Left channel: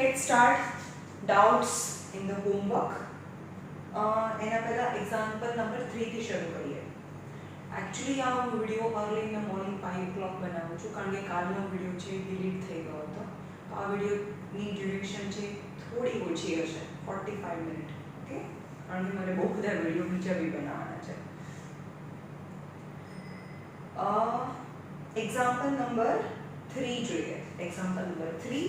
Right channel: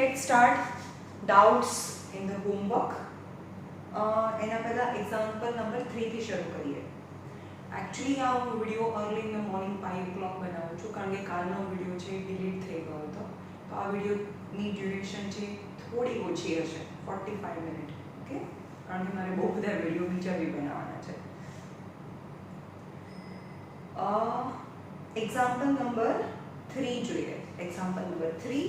get start doubts in the homework. એના પહેલા example number 3 થી શરૂ કરીએ. એકચ્યુઅલી આ video early in the morning 5 o'clock બનાવું છું કારણ કે કાલનો વિડિયો છે ડિલીટ થઈ ગયો હતો. તો આ વિડિયોની ડ્યુરેશન છે થોડી ઓછી હશે, 45 મિનિટ. ઓકે, કારણ કે મારે બહુ બધા વિડિયો બીજા બી બનાવવાના છે. એક્ઝામ્પલ નંબર 3 જોઈએ. Example number 3.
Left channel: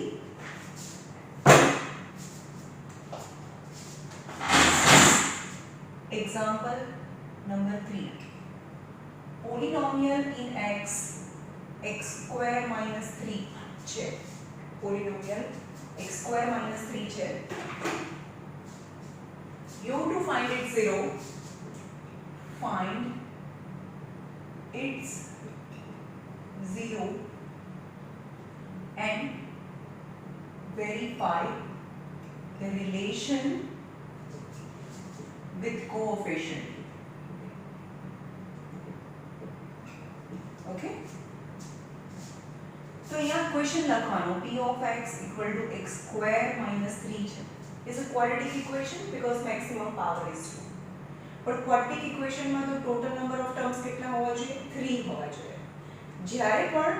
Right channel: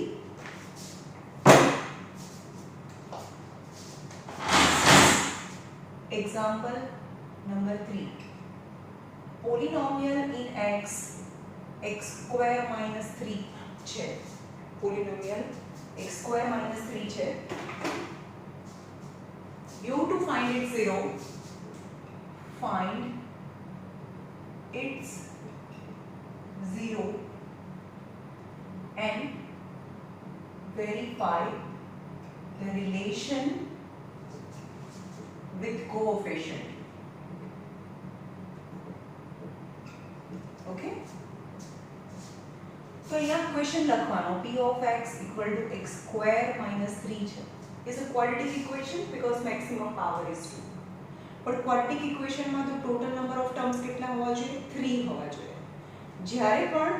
Example number 3. Polynomial in x square minus 3 છે. Polynomial x square minus 3 છે. You to find its zero, find its zero and verify the relation with coefficient. Okay, so यहाँ question लखवानो p of x equal to x square minus 3 છે. is a quadratic equation because maximum power is 2. પણ quadratic equation માં તો total number of terms કેટલા હોવા જોઈએ? 3 હોવા જોઈએ. જ્યારે પણ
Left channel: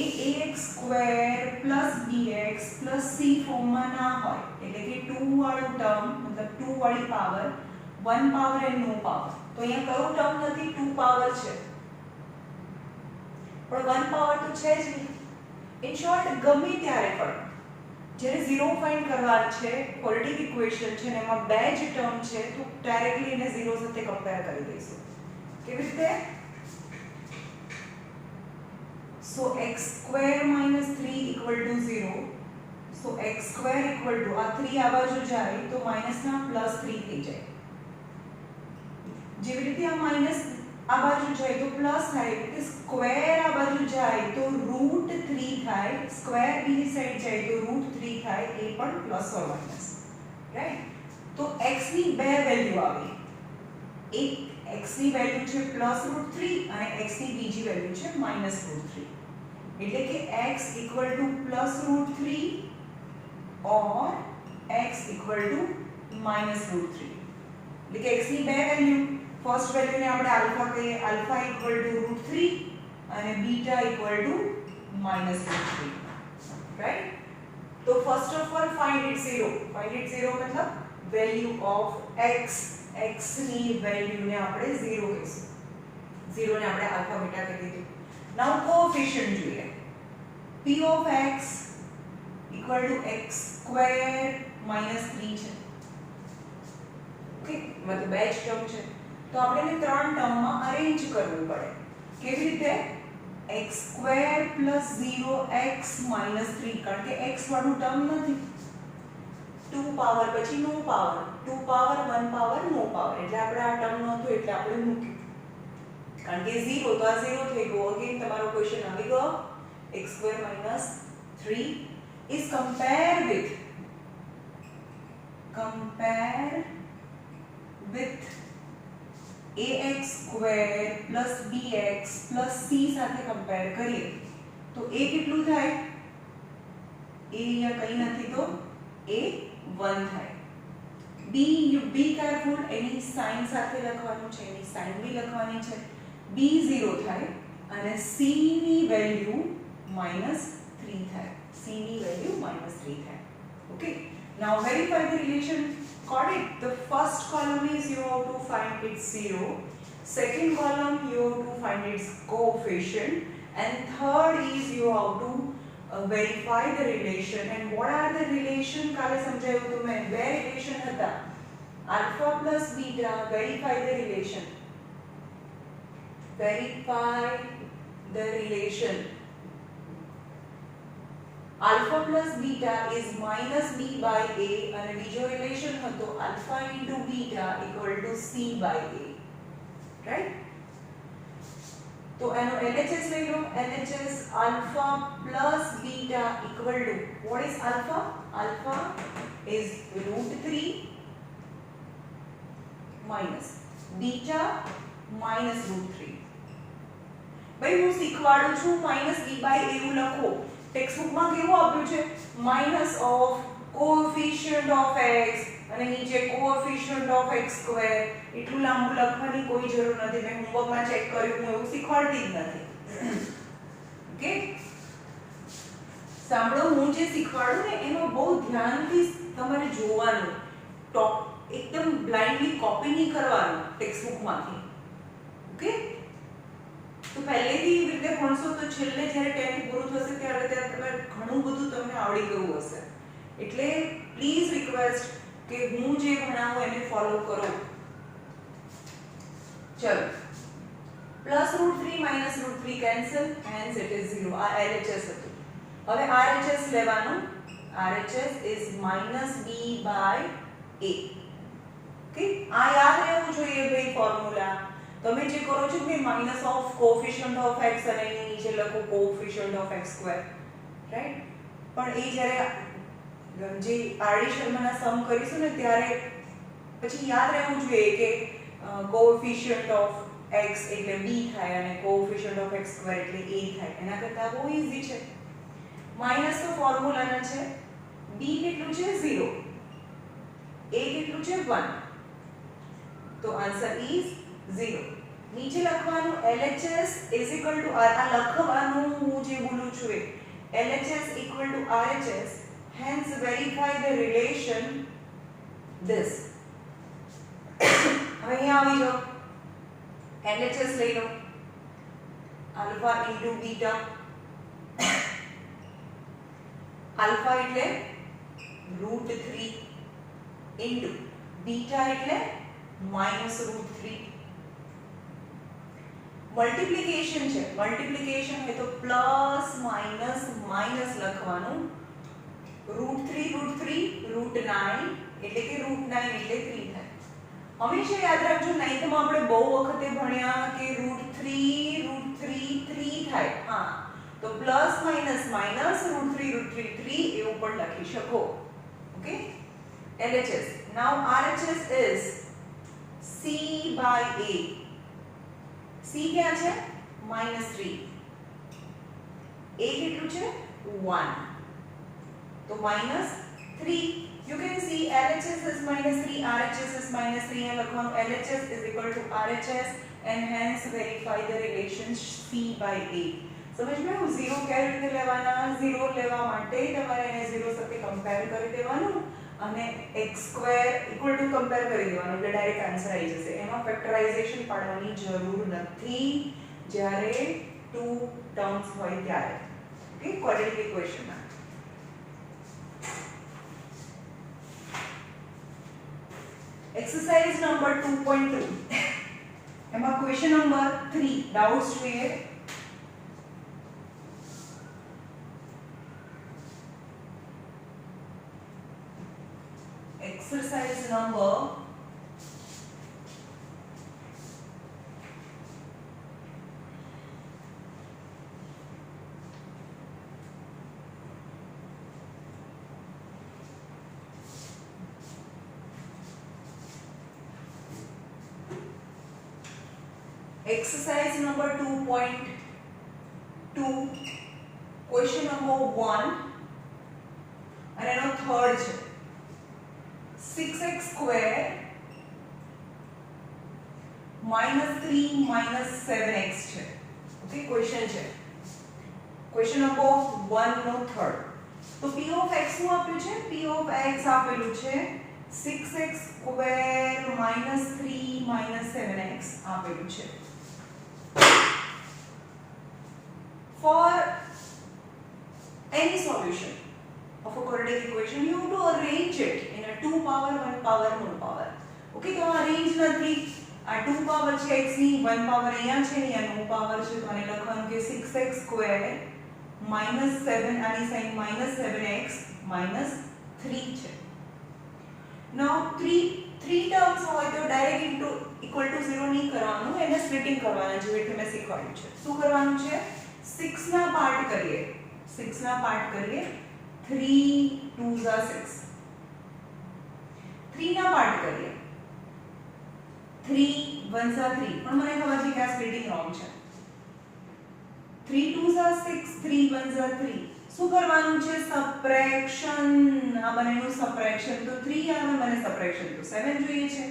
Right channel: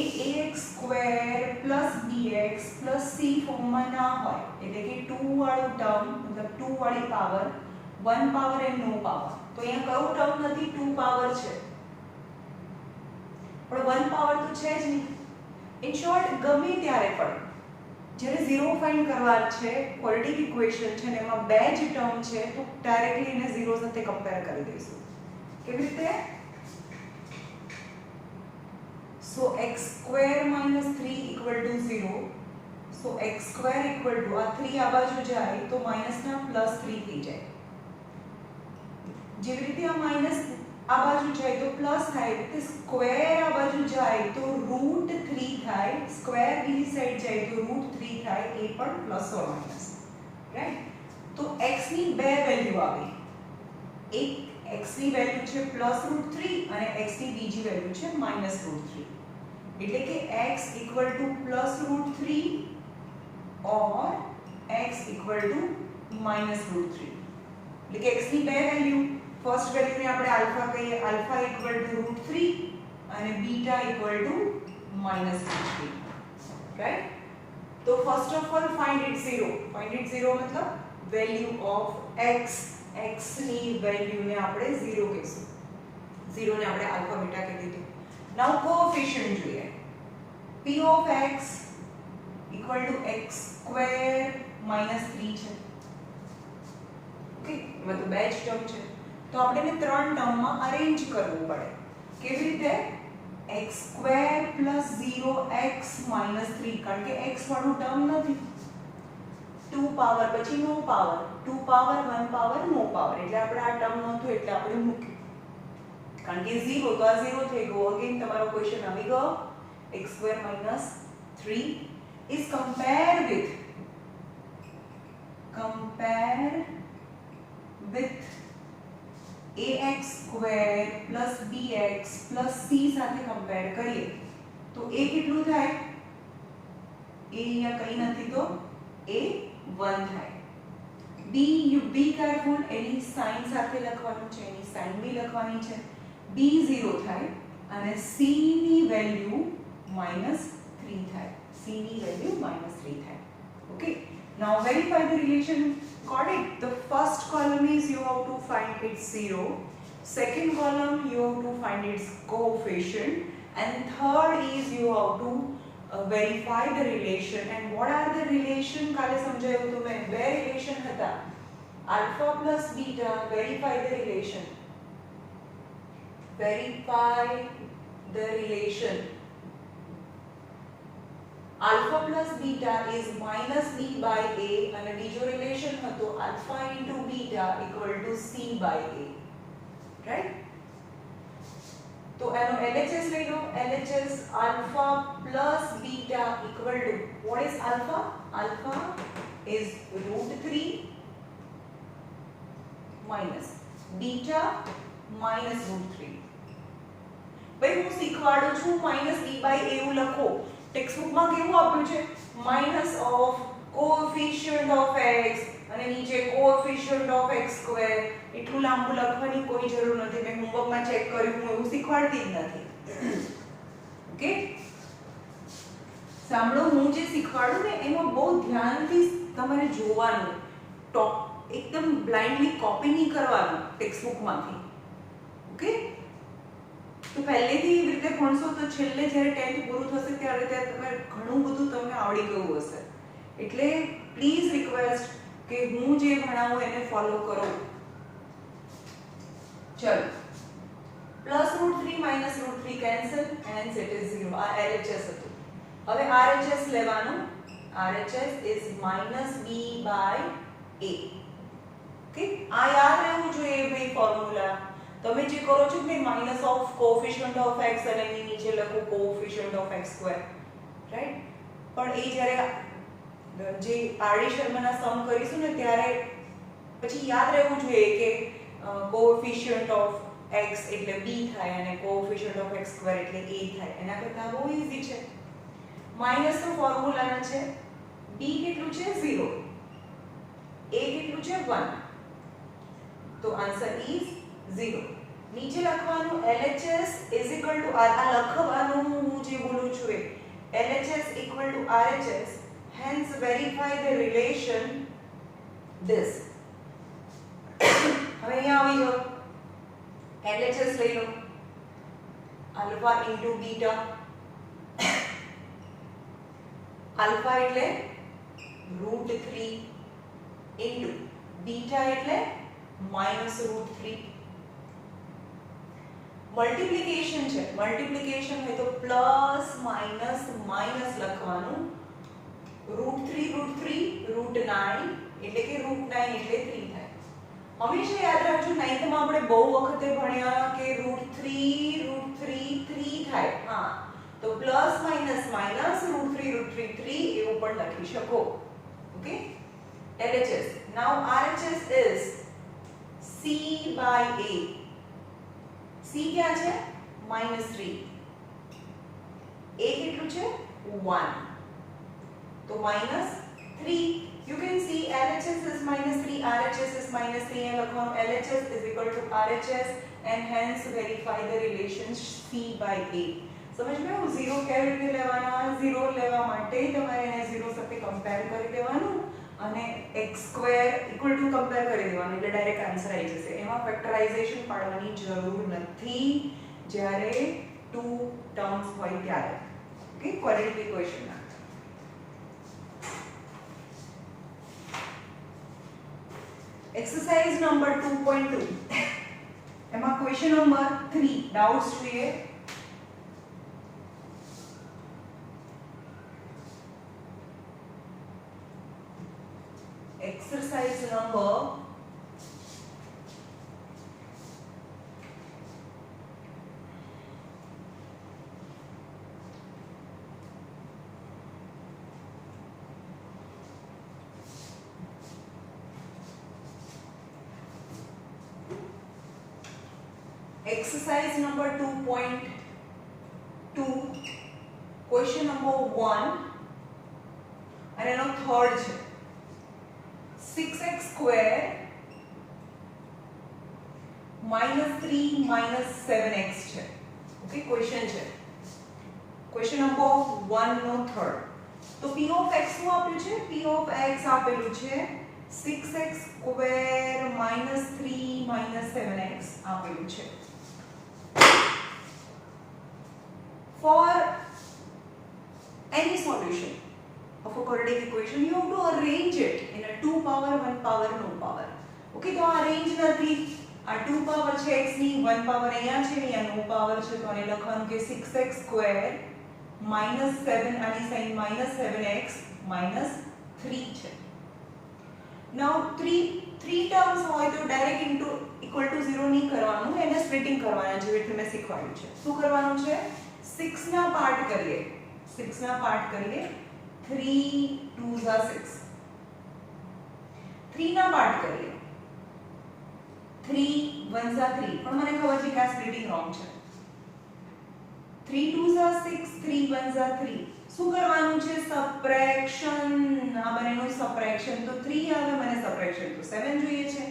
ax square plus bx plus c ફોર્મમાં ના હોય, એટલે કે 2 વાળું ટર્મ મતલબ 2 વાળી power, 1 power and no power. તો અહીંયા કયો ટર્મ નથી? 2 પાવર છે, પણ 1 પાવર તો છે જ નહીં. ઇન શોર્ટ, ગમે ત્યારે પણ જ્યારે 0 ફાઇન્ડ કરવા છે, ક્વોડ્રેટિક ઇક્વેશન છે ને એમાં બે જ ટર્મ છે, તો ડાયરેક્ટલી એને 0 સાથે કમ્પેર કરી દઈશું. કેવી રીતે? સો x square minus 3 equal to 0. So x square equal to આ 3 આ બાજુ જાય તો માઈનસ ના પ્લસ 3 થઈ જાય. જેવી રીતે આ માઈનસ આ બાજુ જાય તો પ્લસ થાય, એટલે સ્ક્વેર આ બાજુ જાય તો રૂટ 3 થાય, સ્ક્વેર બીજી સાઈડ જાય તો રૂટ 3 થાય, એ પણ પ્લસ ઓર માઈનસ. રાઈટ? તો x ની બે વેલ્યુ આવી. એક x ની વેલ્યુ છે પ્લસ રૂટ 3 અને x ની બીજી વેલ્યુ છે માઈનસ રૂટ 3. એટલે કે x equal to plus root 3 or x equal to minus root 3. એટલે કે x ની બે વેલ્યુ, ફર્સ્ટ વેલ્યુ ને આપણે આલ્ફા કહીએ, આલ્ફા ઇક્વલ ટુ રૂટ 3 અને beta equal to minus root 3. Right? તો first of all find it 0. Find it 0 મતલબ વેલ્યુ ઓફ x, x ની વેલ્યુ ને આપણે 0 કહીશું. 0 ને આપણે આલ્ફા બીટા કહી દીધું. નાઉ કોએફિશિયન્ટ જોઈએ. p of x equal to x square minus 3 છે. ઓકે, એમાં તો બે જ ટર્મ છે, તો આપણે એને ત્રણ ટર્મમાં અરેન્જ કરવું પડે. કેવી રીતે? x square plus 0x minus 3, કારણ કે x વાળું ટર્મ નથી. 2 પાવર પછી નો પાવર, 2 પાવર 1 પાવર નો પાવર, એટલે આપણે આ ટર્મ નહોતું એટલે આપણે મૂક્યું. કારણ કે 0 તો આ 0 થઈ ગયો. અગેન તમારો ક્વેશ્ચન આવી ગયો. x square minus 3 is compare with ax square plus bx plus c સાથે કમ્પેર કરીએ તો a કેટલું થાય? a અહીંયા કઈ નથી તો a 1 થાય. b, you be careful, એની સાઇન સાથે લખવાનું છે, એની સાઇન બી લખવાની છે. b 0 થાય અને c ની વેલ્યુ -3 થાય. c ની વેલ્યુ -3 થાય. Okay, now verify the relation. Got it? The first column is you have to find its 0, second column you have to find its coefficient, and third is you have to verify the relation. And what are the relation? કાલે સમજાયું તો મેં બે relation હતા, alpha plus beta. Verify the relation. Verify the relation. Alpha plus beta is minus b by a, અને બીજો relation હતો alpha into beta equal to c by a. Right? તો એનો LHS લઈ લો. LHS alpha plus beta equal to, what is alpha? Alpha is root 3 minus beta minus root 3. ભાઈ હું શીખવાડું છું -b by a એવું લખો. ટેક્સ્ટ બુકમાં કેવું આપ્યું છે? -(b કોએફિશિયન્ટ ઓફ x અને નીચે કોએફિશિયન્ટ ઓફ x² એટલું લાંબુ લખવાની કોઈ જરૂર નથી. મેં હોમવર્કમાં ચેક કર્યું, હું એવું શીખવાડતી જ નથી. ઓકે, સાંભળો, હું જે શીખવાડું ને એમાં બહુ ધ્યાનથી તમારે જોવાનું. એકદમ બ્લાઇન્ડલી કોપી નહીં કરવાનું ટેક્સ્ટબુકમાંથી. ઓકે, તો પહેલેથી એવી રીતે ભણશો તો છેલ્લે જ્યારે 10th પૂરું થશે ત્યારે તમે ઘણું બધું તમને આવડી ગયું હશે. એટલે પ્લીઝ રિક્વેસ્ટ કે હું જે ભણાવું એને ફોલો કરો. ચલો, +√3 -√3 કેન્સલ, હેન્સ ઇટ ઇઝ 0. આ LHS હતું. હવે RHS લેવાનું. RHS is -b/a. ઓકે, આ યાદ રહેવું જોઈએ ભાઈ ફોર્મ્યુલા. તમે જે કરો છો કે minus of coefficient of x અને એની નીચે લખો કોએફિશિયન્ટ ઓફ x², રાઈટ? પણ એ જ્યારે જે આરડી શર્માના સમ કરીશું ને ત્યારે પછી યાદ રહેવું જોઈએ કે કોએફિશિયન્ટ ઓફ x એટલે b થાય અને કોએફિશિયન્ટ ઓફ x² એટલે a થાય. એના કરતાં બહુ ઈઝી છે. માઇનસ તો ફોર્મ્યુલાના છે. b કેટલું છે? 0. a કેટલું છે? 1. તો આન્સર ઇઝ 0. નીચે લખવાનું LHS ઇઝ ઇક્વલ ટુ આ લખવાનું હું જે બોલું છું એ LHS equal to RHS, hence verify the relation this. હવે અહીંયા આવી જાઓ. LHS લઈ લો. Alpha into beta. આલ્ફા એટલે √3 ઇન્ટુ બીટા એટલે -√3. મલ્ટીપ્લિકેશન છે. મલ્ટીપ્લિકેશન હોય તો પ્લસ માઇનસ માઇનસ લખવાનું. √3 √9 એટલે કે √9 એટલે 3 થાય. હંમેશા યાદ રાખજો, 9th માં આપણે બહુ વખતે ભણ્યા કે √3 3 થાય. હા, તો પ્લસ માઇનસ માઇનસ √3 3 એવું પણ લખી શકો. Okay, LHS. Now RHS is c/a. c ક્યાં છે? -3. a કેટલું છે? 1. તો -3. You can see LHS is -3, RHS is -3 and લખવાનું LHS is equal to RHS and hence verify the relation c/a. સમજ મેં 0 કેવી રીતે લેવાના? 0 લેવા માટે તમારે એને 0 સાથે કમ્પેર કરી દેવાનું અને x² ઇક્વલ ટુ કમ્પેર કરી દેવાનું એટલે ડાયરેક્ટ આન્સર આવી જશે. એમાં ફેક્ટરાઇઝેશન પાડવાની જરૂર નથી જ્યારે 2 ટર્મ્સ હોય ત્યારે. ઓકે, ક્વોડ્રેટિક ઇક્વેશનમાં एक्सरसाइज नंबर 2.2 एमा क्वेश्चन नंबर 3 डाउट्स જોઈએ. Exercise number exercise number 2.2 question number 1 અને એનો થર્ડ છે 6x² -3 7x છે. ઓકે, ક્વેશ્ચન છે. ક્વેશ્ચન નંબર 1 નો થર્ડ. તો p ઓફ x નું આપ્યું છે. p ઓફ x આપેલું છે 6x² -3 7x આપેલું છે. For any solution of a quadratic equation you have to arrange it in a 2 power 1 power no power. Okay, તો અરેન્જ નથી. આ 2 પાવર છે x ની, 1 પાવર અહીંયા છે, અહીંયા નો પાવર છે, તો આને લખવાનું કે 6x² -7 આની સાઈન -7x -3 છે. Now 3 ટર્મ્સ હોય તો ડાયરેક્ટ ઇન્ટુ ઇક્વલ ટુ 0 નહીં કરવાનું, એને સ્પ્લિટિંગ કરવાના જેવી રીતે મેં શીખવાડ્યું છે. શું કરવાનું છે? 6 ના પાર્ટ કરીએ. 6 ના પાર્ટ કરીએ. 3 2s are 6. 3 ના પાર્ટ કરીએ. 3 1s are 3. પણ મને ખબર છે કે આ સ્પ્લિટિંગ રોંગ છે. 3 2s are 6, 3 1s are 3. શું કરવાનું છે? સબટ્રેક્શન. આ બંનેનું સબટ્રેક્શન તો 3 આવે, મને સબટ્રેક્શન તો 7 જોઈએ છે.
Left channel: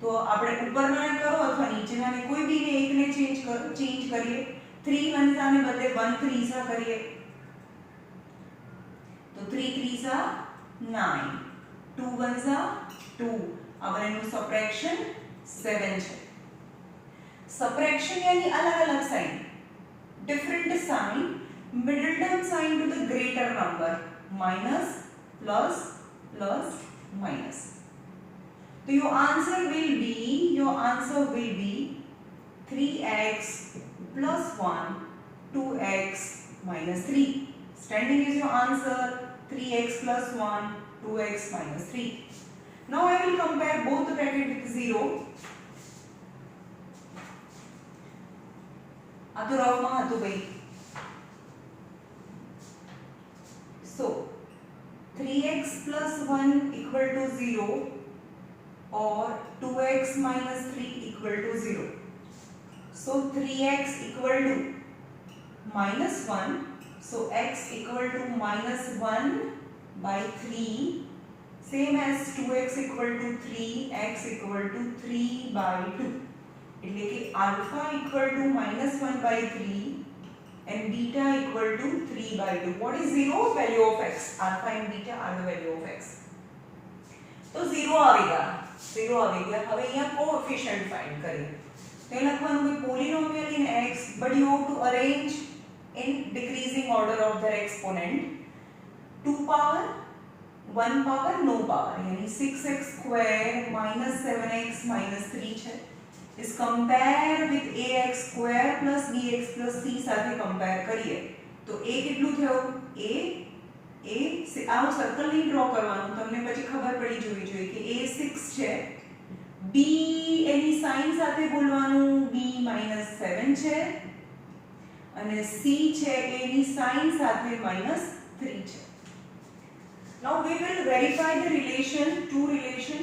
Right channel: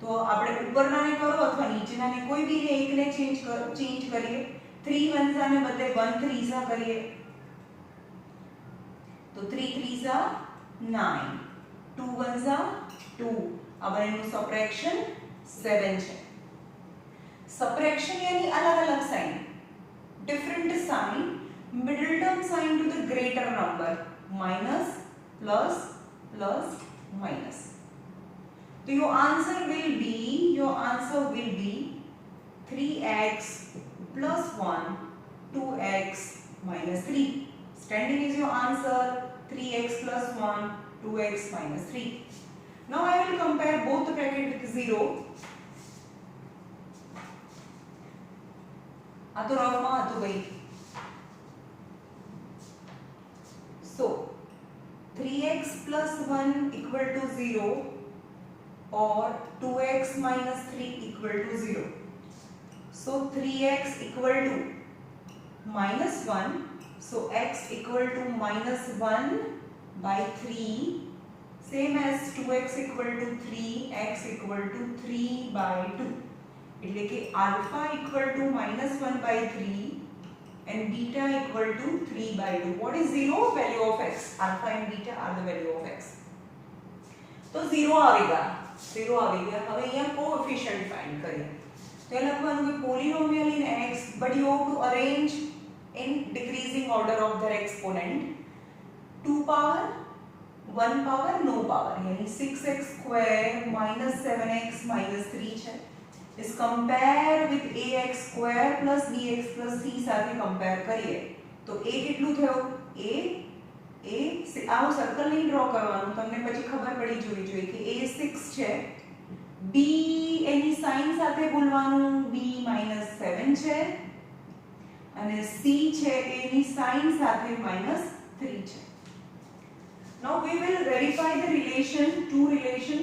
તો આપણે ઉપરનાને કરો અથવા નીચેનાને કોઈ બીને એકને ચેન્જ કરીએ. 3 વનસાને બદલે 1 ત્રીજા કરીએ તો 3 ત્રીજા 9, 2 વનસા 2. આ બંનેનું સબટ્રેક્શન 7 છે. સબટ્રેક્શન यानी अलग-अलग sign, different sign, middle term sign to the greater number, minus, plus, plus, minus. So your answer will be 3x plus 1, 2x minus 3. Standing is your answer, 3x plus 1, 2x minus 3. Now I will compare both the bracket with 0. આ તો રફમાં હતું ભાઈ. So 3x plus 1 equal to 0 or 2x minus 3 equal to 0. So 3x equal to minus 1. So x equal to minus 1 by 3. Same as 2x equal to 3, x equal to 3 by 2. એટલે કે alpha equal to minus 1 by 3 and beta equal to 3 by 2. What is 0? Value of x. Alpha and beta are the value of x. तो 0 आवेगा. હવે અહીંયા coefficient find કરીએ. તો એ લખવાનું કે પોલિનોમિયલ in x, but you have to arrange in decreasing order of their exponent. 2 power, 1 power, no power. यानी 6x square minus 7x minus 3 છે. is compare with ax square plus bx plus c સાથે compare કરીએ તો a કેટલું થયું? a આનું circle નહીં draw કરવાનું, તમને પછી ખબર પડી જોવી જોઈએ કે a 6 છે, b એની સાઇન સાથે બોલવાનું b -7 છે અને c છે એની સાઇન સાથે -3 છે. Now we will verify the relation, two relation.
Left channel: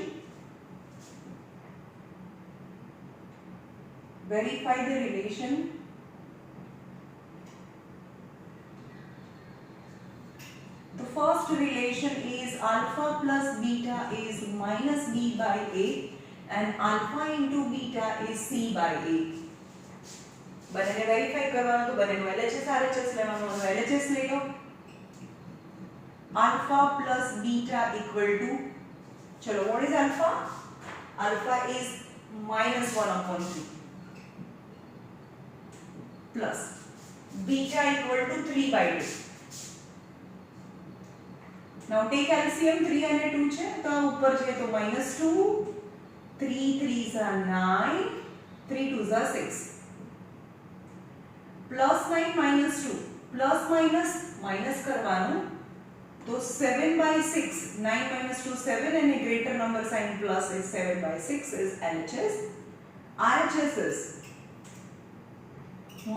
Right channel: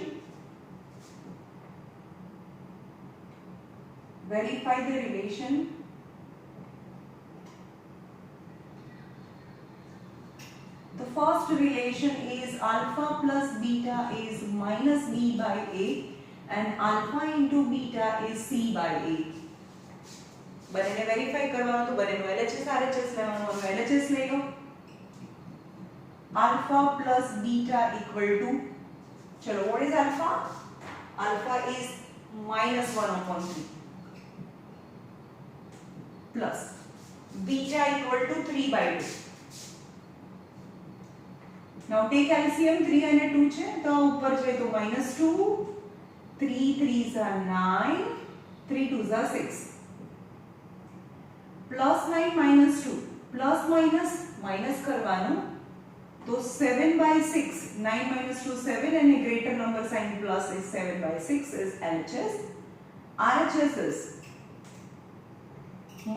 Verify the relation. The first relation is alpha plus beta is minus b by a and alpha into beta is c by a. બંનેને verify કરવાનું તો બંનેનું LHS RHS લેવાનું, LHS લઈ લો. alpha plus beta equal to, ચલો what is alpha? Alpha is -1/3 plus beta equal to 3 by 2. Now take LCM, 3 and 2 છે તો ઉપર છે તો -2, 3 3s are 9, 3 2s are 6, plus 9 -2, plus minus કરવાનું તો 7 by 6, 9 minus 2 7 and a greater number sign plus is 7 by 6 is LHS. RHS is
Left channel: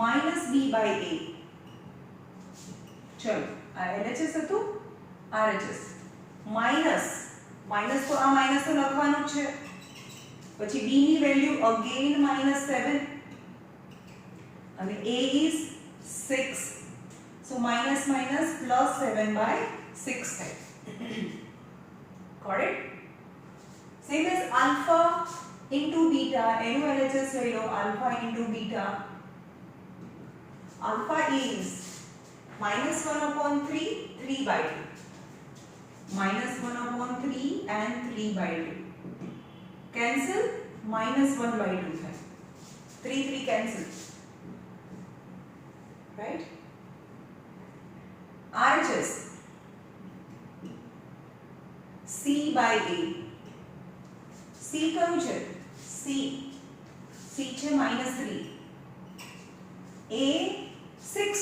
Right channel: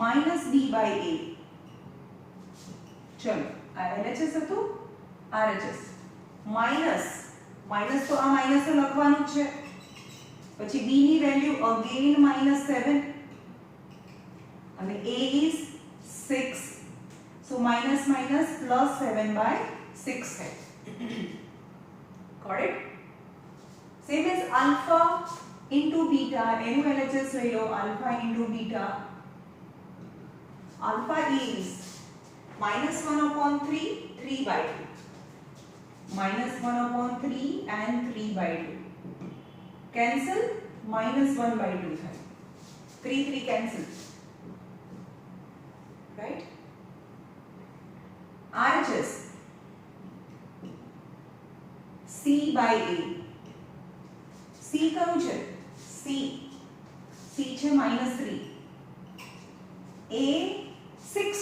minus b by a. चलो LHS હતું, RHS minus તો આ માઇનસ તો લખવાનું જ છે, પછી b ની વેલ્યુ અગેન -7 અને a is 6, so minus plus 7 by 6 થાય. Got it? Same as alpha into beta, એનું LHS લઈ લો. alpha into beta, alpha is -1/3, 3 by 2, -1/3 and 3 by 2 cancel, -1 by 2 થાય, 3 cancel, right? RHS c by a. c કયું છે? c છે -3, a 6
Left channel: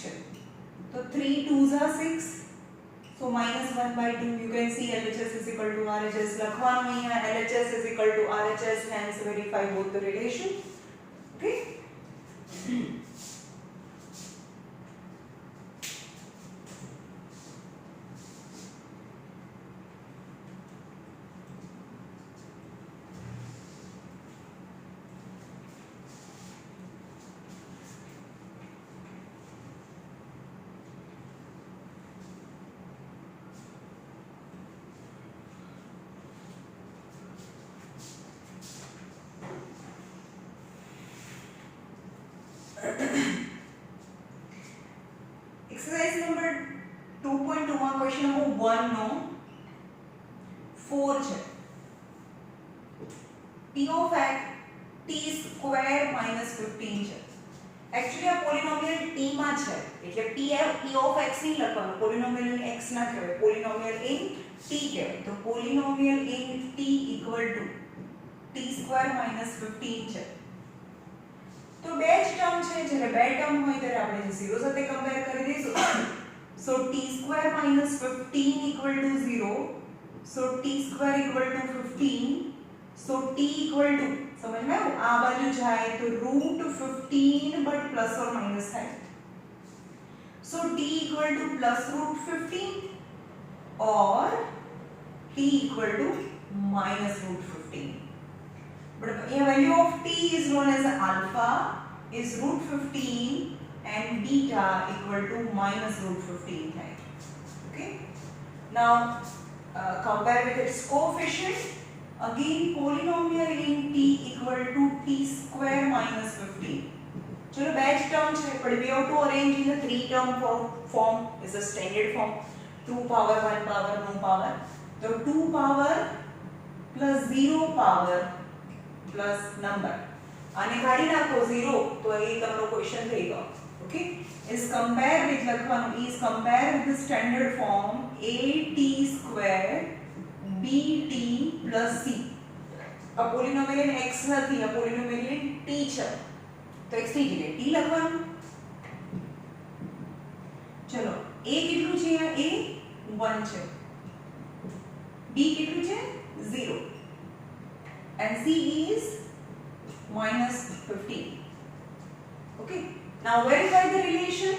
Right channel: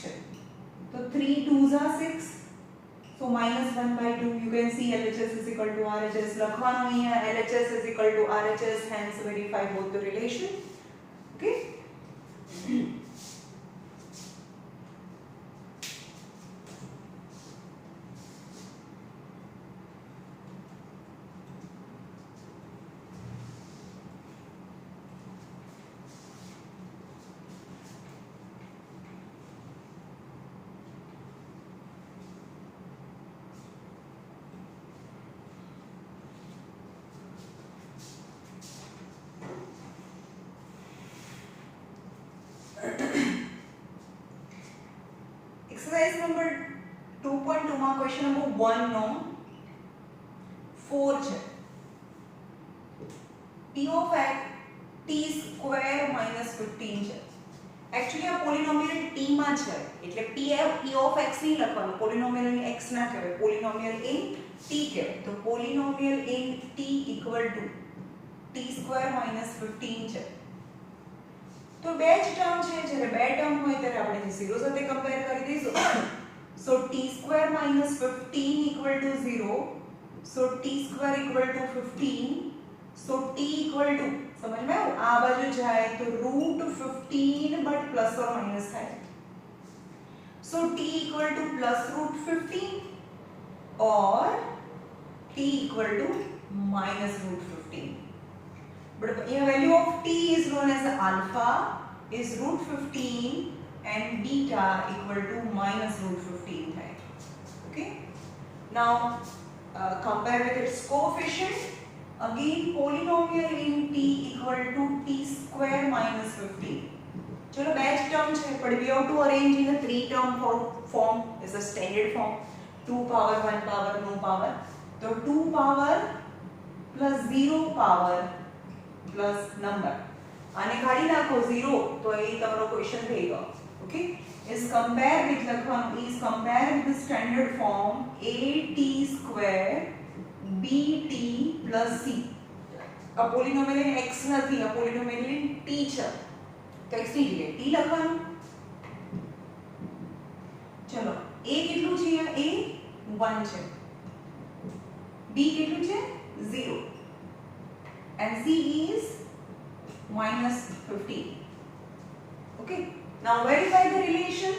છે, તો 3 2s are 6, so -1 by 2. You can see LHS is equal to RHS. લખવાનું અહીંયા LHS is equal to RHS, hence verify both the relation. Okay. Question number 1 નો 4 છે p of x t square - 15 છે actually આ પોલિનોમિયલ t માં છે એટલે p of x ની લખવાનું પોલિનોમિયલ ઇન x ના કહેવાય પોલિનોમિયલ ઇન t કહેવાય તો પોલિનોમિયલ in t equal to t square - 15 છે તો બે જ ટર્મ છે જ્યારે બે ટર્મ હોય ત્યારે આપણે 0 સાથે કમ્પેર કરી દઈશું so t square minus 15 equal to 0 so t square equal to 15 so t equal to समझ में आ बाजू जाए तो √15 बट प्लस और माइनस है so t equal to plus √15 और t equal to minus √15 but the value of t is known as alpha is √15 and beta equal to minus √15 है okay now compare with its coefficient again polynomial in t equal to t square minus 15 चलो best term है but we have to arrange in a three term form is a standard form 2 power 1 power no power तो 2 power plus 0 power plus number आने गाड़ी नाखो 0 तो ये तमरो question रहेगा okay is compare with લખવાનું is compare with the standard form at square bt plus c આ પોલિનોમિયલ in x નથી આ પોલિનોમિયલ ઇન t છે તો x ની જગ્યાએ t લખવાનું ચલો a કેટલું છે a 1 છે b કેટલું છે 0 and c is minus 15 okay now verify the relation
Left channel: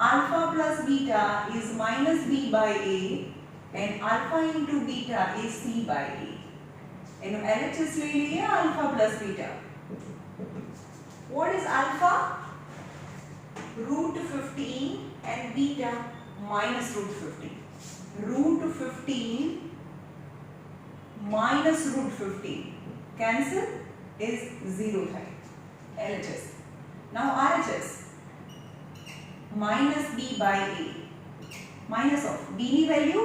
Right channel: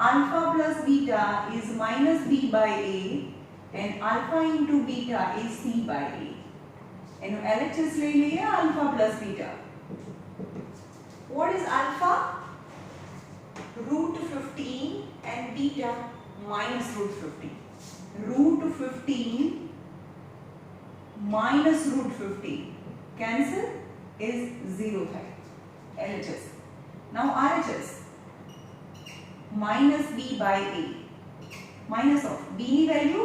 alpha plus beta is minus b by a and alpha into beta is c by a and LHS ले लिए alpha plus beta what is alpha √15 and beta minus √15 √15 minus √15 cancel is 0 है LHS now RHS minus b by a minus of b ની value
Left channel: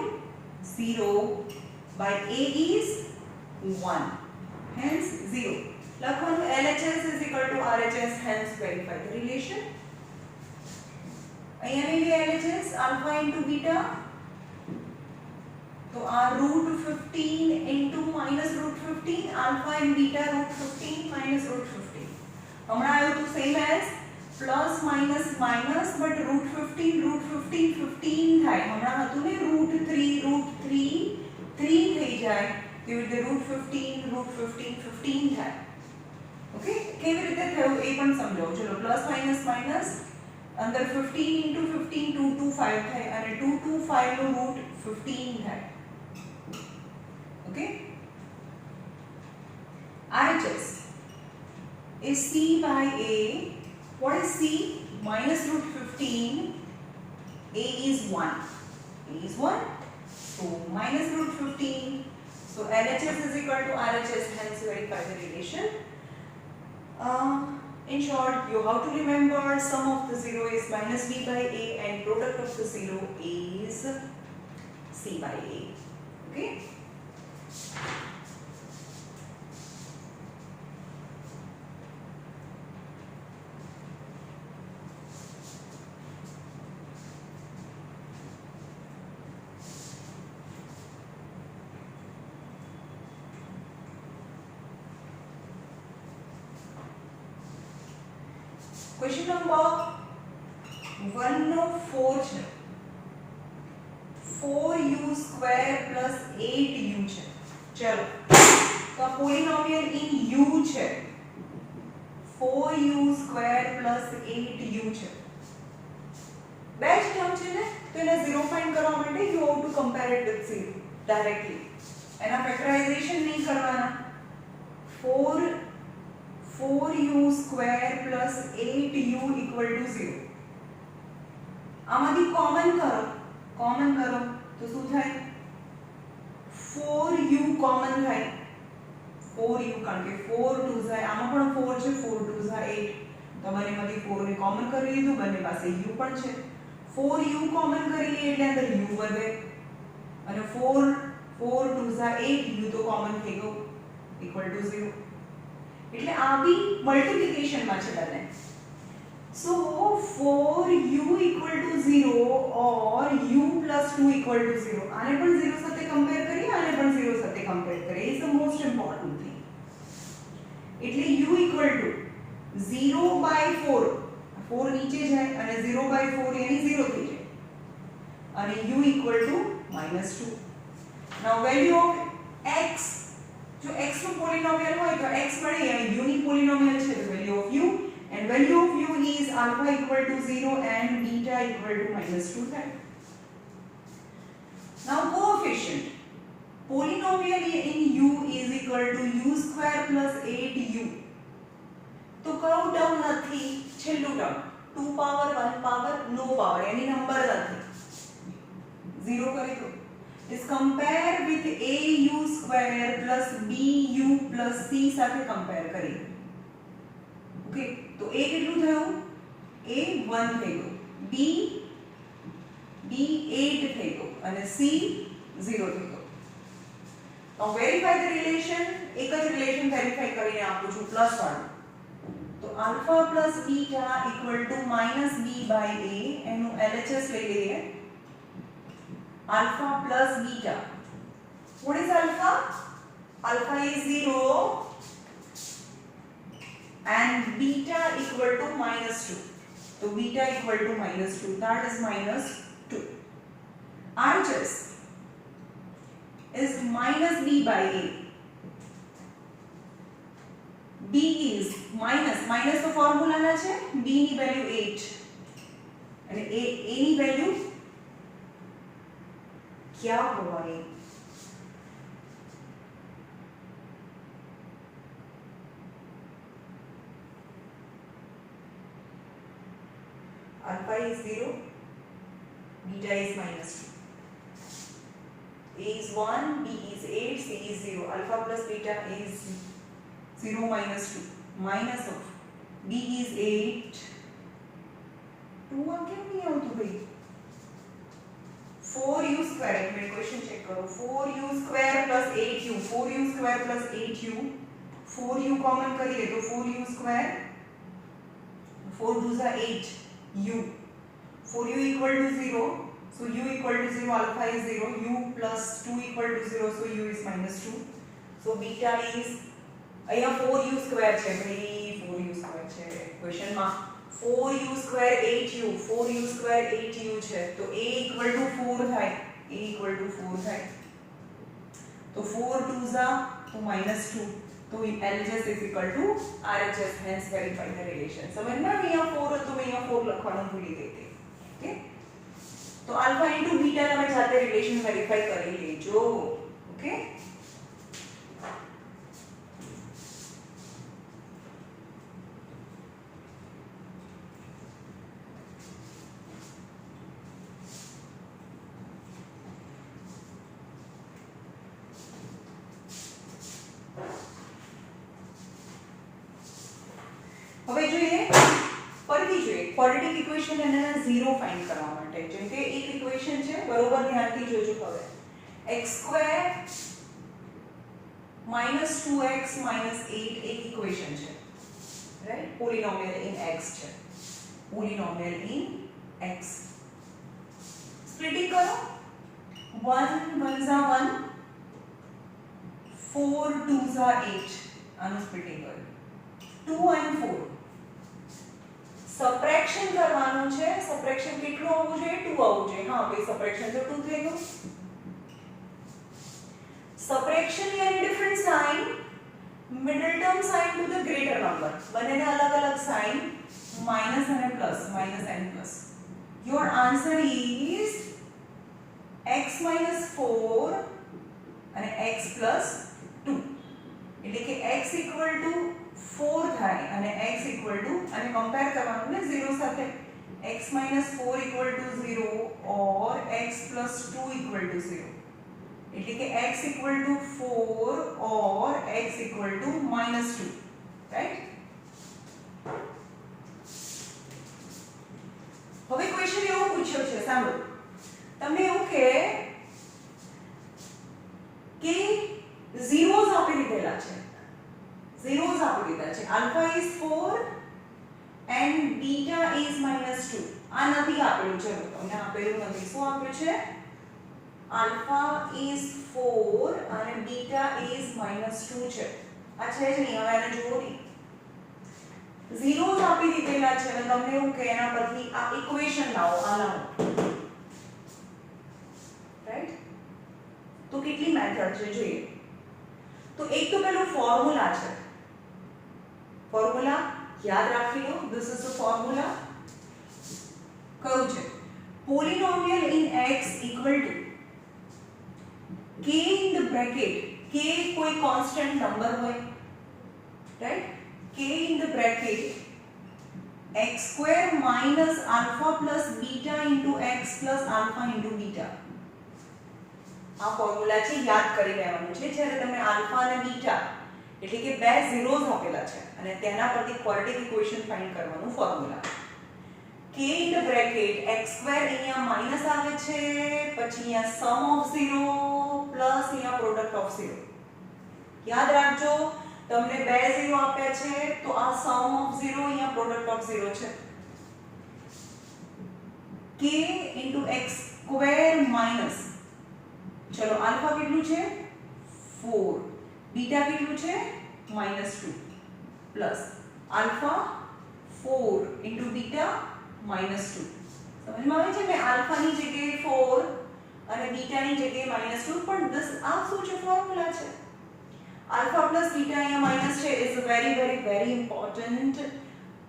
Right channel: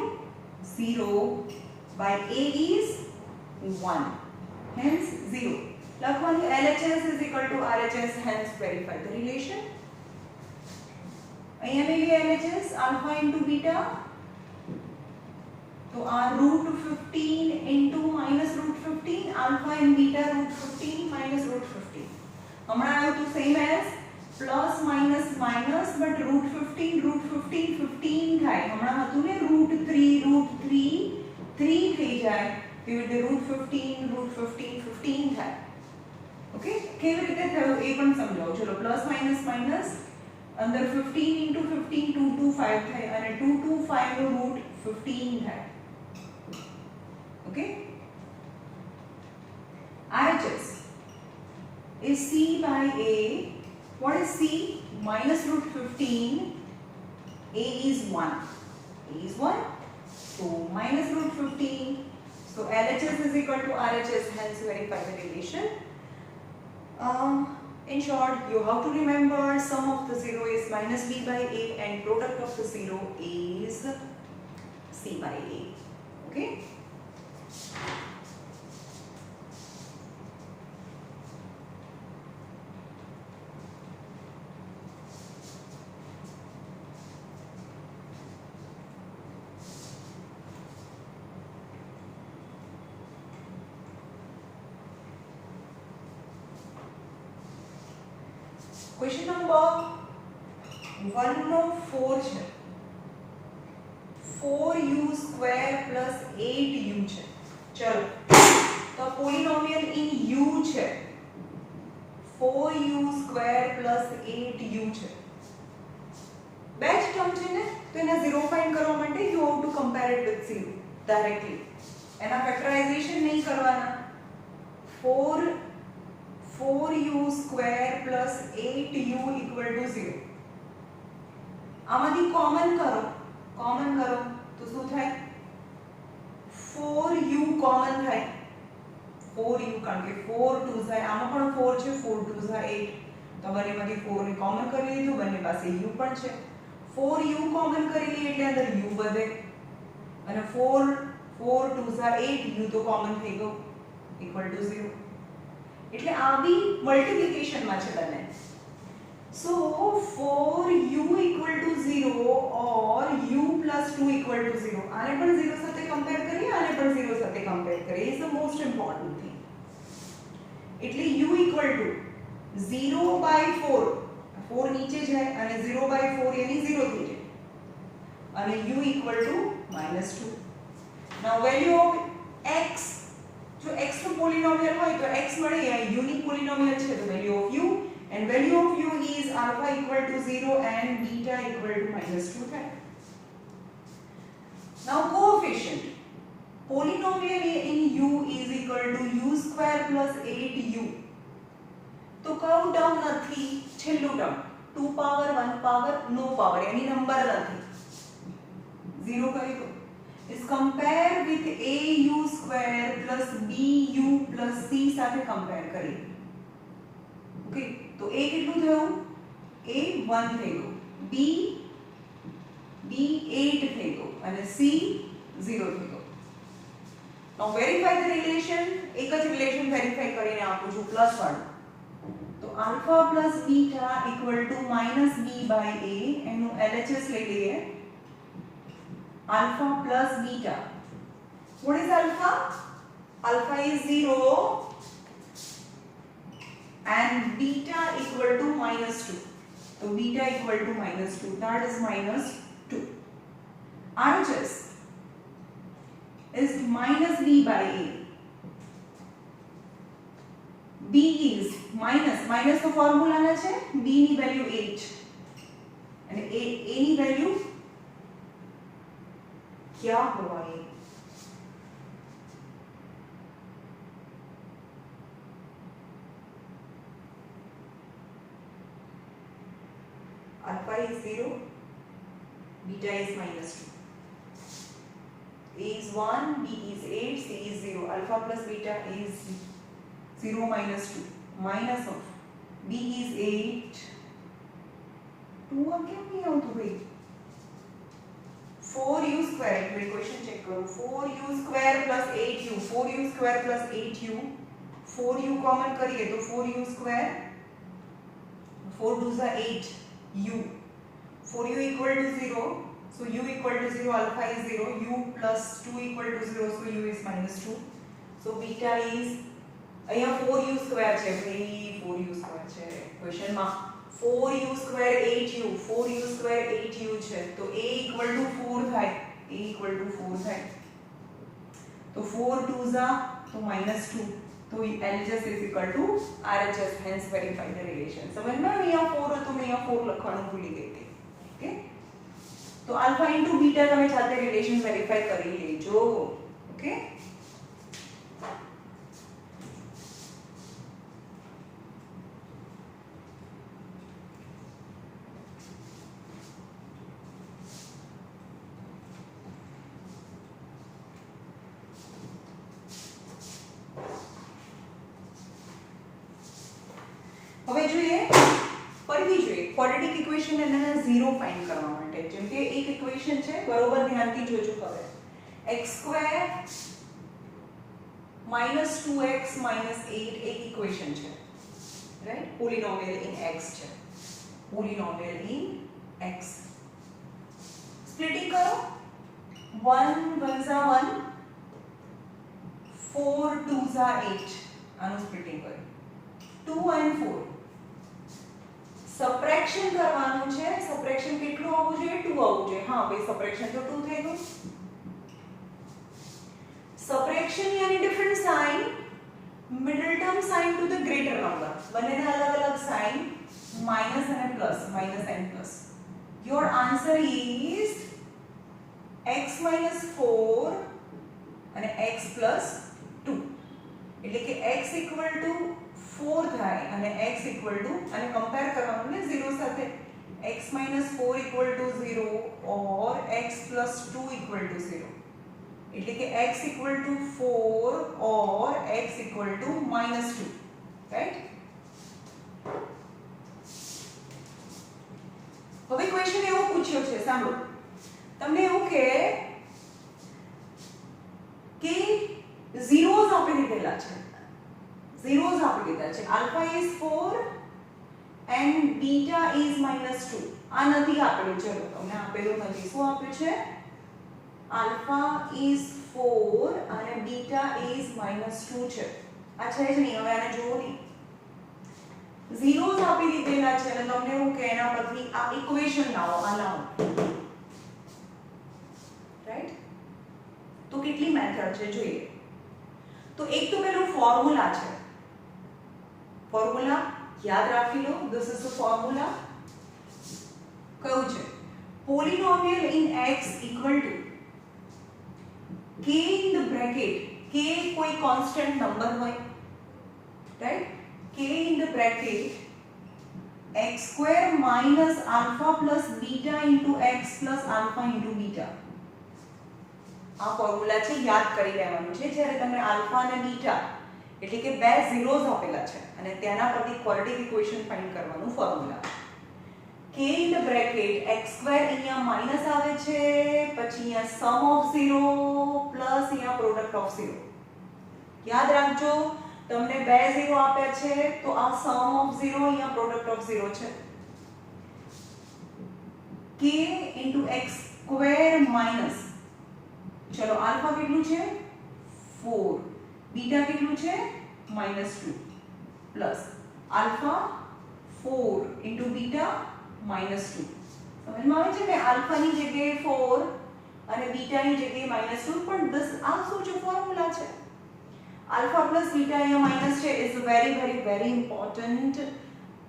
0 by a is 1 hence 0 લખવાનું LHS is equal to RHS hence verify the relation અહીંયા લઈ લે LHS alpha into beta तो r √15 into minus √15 alpha and beta √15 minus √15 हमारा आयो तो same as plus minus minus but √15 15 થાય હમણાં હતું ને √3 થઈ જાય એવી રીતે √15 15 થાય ઓકે કેવી રીતે થયું એ પણ સમજાવો ચલો પ્લસ માઇનસ માઇનસ અંદર 15 into 15 225 થાય અને 225 નો √15 થાય okay RHS is c by a what is c minus √15 a is 1 so minus √15 so LHS is equal to RHS hence verify the relation in short you have to remember sum of the 0 is minus b by a and product of the 0 is c by a okay question number 1 નો 4 છે 4u square plus 8u છે ચલો તો પોલિનોમિયલ in u છે 4u square plus 8u છે બે જ term છે ને તો એને 0 ફાઇન્ડ કરવા માટે you have to compare it with 0 directly એના ફેક્ટરાઇઝેશન નહીં કરવાના 4u square plus 8u equal to 0 આમાંથી કોમન કરો તો શું થાય 4u કોમન થાય 4u કારણ કે 4 2 જાય આમાં પણ 4 છે 4 2 જાય તો બંનેમાંથી 4 ને કોમન કરી લીધું, બંને પાસે u પણ છે, 4u કોમન કરી લઈએ એટલે અંદર u વધે અને 4 2 8 u તો કોમન થઈ ગયો ઇક્વલ ટુ 0. એટલે આ બી મલ્ટીપ્લિકેશન માં છે બંને. So 4u equal to 0 or u plus 2 equal to 0. આને પણ 0 સાથે કમ્પેર કરીએ, આને પણ 0 સાથે કમ્પેર કરીએ. Is the most important thing. એટલે u equal to 0 by 4. 4 નીચે જાય અને 0 by 4 એની 0 થઈ જાય. અને u equal to -2. Now value of x, જો x નો પોલિનોમિયલ હોય તો x મળે, અહીંયા u ની પોલિનોમિયલ છે તો value of u, and value of u is alpha equal to 0 and beta equal to -2 થાય. Now coefficient, polynomial in u is equal to u square plus 8u. તો કયો ટર્મ નથી, છેલ્લું ટર્મ 2 પાવર 1 પાવર નો power એની number નથી, 0 કરી દો. is compare with au square plus bu plus c સાથે compare કરીએ. ઓકે, તો a કેટલું થયું, a 1 થઈ ગયું, b 8 થઈ ગયું અને c 0 થઈ ગયું. now verify the relation, એક જ રિલેશન વેરીફાઈ કરીને આપું છું પ્લસ વાળું. તો alpha plus beta equal to minus b by a, એનું LHS લઈ લઈએ. alpha plus beta, what is alpha? Alpha is 0 and beta equal to -2. So beta equal to -2, that is -2. RHS is minus b by a. b is minus તો ફોર્મ્યુલાના છે, b ની value 8 અને a ની value क्या हुआ ये, alpha is 0, beta is -2, a is 1, b is 8, c is 0. Alpha plus beta is 0 minus 2, minus of b is 8, 2 आ क्यों नहीं આવતું ભાઈ, 4u square, એટલે ઇક્વેશન ચેક કરો, 4u square plus 8u, 4u square plus 8u, 4u common કરીએ તો 4u square, 4 2s are 8u, 4u equal to 0, so u equal to 0, alpha is 0, u plus 2 equal to 0, so u is -2, so beta is, અહીંયા 4u square છે ભાઈ, 4u square છે question માં, 4u square 8u, 4u square 8u છે તો a equal to 4 થાય, a equal to 4 થાય, તો 4 2s are તો -2, તો LHS is equal to RHS, hence verify the relation. समझ में અહીંયા 4 હતું, मैं અહીંયા 4 લખવાનું ભૂલી ગઈ હતી. ઓકે, તો alpha into beta તમે સાથે રિલેશન વેરીફાઈ કરી લેજો. ઓકે, હવે જોઈએ, ફરીથી જોઈએ ક્વોડ્રેટિક ઇક્વેશન અને એના 0 ફાઇન્ડ કરવા માટે. જેમ કે એક ઇક્વેશન છે, બરોબર ધ્યાનથી જોજો. હવે x² -2x -8 એક ઇક્વેશન છે, રાઈટ, પોલિનોમિયલ ઇન x છે, પોલિનોમિયલ ઇન x. સ્પ્લિટિંગ કરો, 1 1s are 1, 4 2s are 8, આનું સ્પ્લિટિંગ કરો, 2 and 4. સબટ્રેક્શન કરવાનું છે, સબટ્રેક્શન કેટલું આવવું જોઈએ, 2 આવવું જોઈએ. હા ભાઈ, સબટ્રેક્શન તો 2 થઈ ગયું. સબટ્રેક્શન યાની different sign, middle term sign to the greater number, બંનેના અલગ અલગ સાઇન, માઇનસ અને plus, minus and plus. Your answer is x - 4 અને x + 2, એટલે કે x equal to 4 થાય અને x equal to, અને કમ્પેર કરવાનું ને 0 સાથે, x - 4 equal to 0 or x + 2 equal to 0, એટલે કે x equal to 4 or x equal to -2, right? પૂછ્યો છે સાંભળો તમને એવું કે zeros આપી દીધેલા છે zeros આપી દીધા છે alpha is 4 and beta is -2 આ નથી આપેલું ચલો તમને આપેલું નથી શું આપ્યું છે alpha is 4 અને beta is -2 છે આ છે જ નહીં હવે આને જુઓ નહીં zeros આપી દીધેલા છે અને તમને એવું કે એના પરથી આ ઇક્વેશન લાવો આ લાવો રાઈટ તો કેટલી મેથડ છે જોઈએ તો એક તો પેલું ફોર્મ્યુલા છે ફોર્મ્યુલા યાદ રાખી લો ધીસ ઇઝ ધ ફોર્મ્યુલા કયું છે પોલિનોમિયલ in x equal two k in the bracket k કોઈ કોન્સ્ટન્ટ નંબર હોય right k in the bracket x square minus alpha plus beta into x plus alpha into beta આ formula છે યાદ કરી લેવાનું છે જ્યારે તમને આલ્ફા અને બીટા એટલે કે બે ઝીરોઝ આપેલા છે અને તેના પરથી ક્વોડ્રેટિક ઇક્વેશન ફાઇન્ડ કરવાનું formula k in the bracket x square અહીંયા માઈનસ આવે છે પછી અહીંયા સમ ઓફ 0 પ્લસ અહીંયા પ્રોડક્ટ ઓફ 0 યાદ રાખજો તમને બે ઝીરો આપ્યા છે તો આ સમ ઓફ 0 અહીંયા પ્રોડક્ટ ઓફ 0 છે k x square minus ચલો આલ્ફા કેટલું છે 4 બીટા કેટલું છે -2 પ્લસ આલ્ફા 4 બીટા -2 સમજમાં આવે છે ને આલ્ફાની જગ્યાએ 4 અને બીટાની જગ્યાએ -2 પણ this આ શું છે ફોર્મ્યુલા છે આલ્ફા પ્લસ બીટા અહીંયા માઈનસ છે is very very very important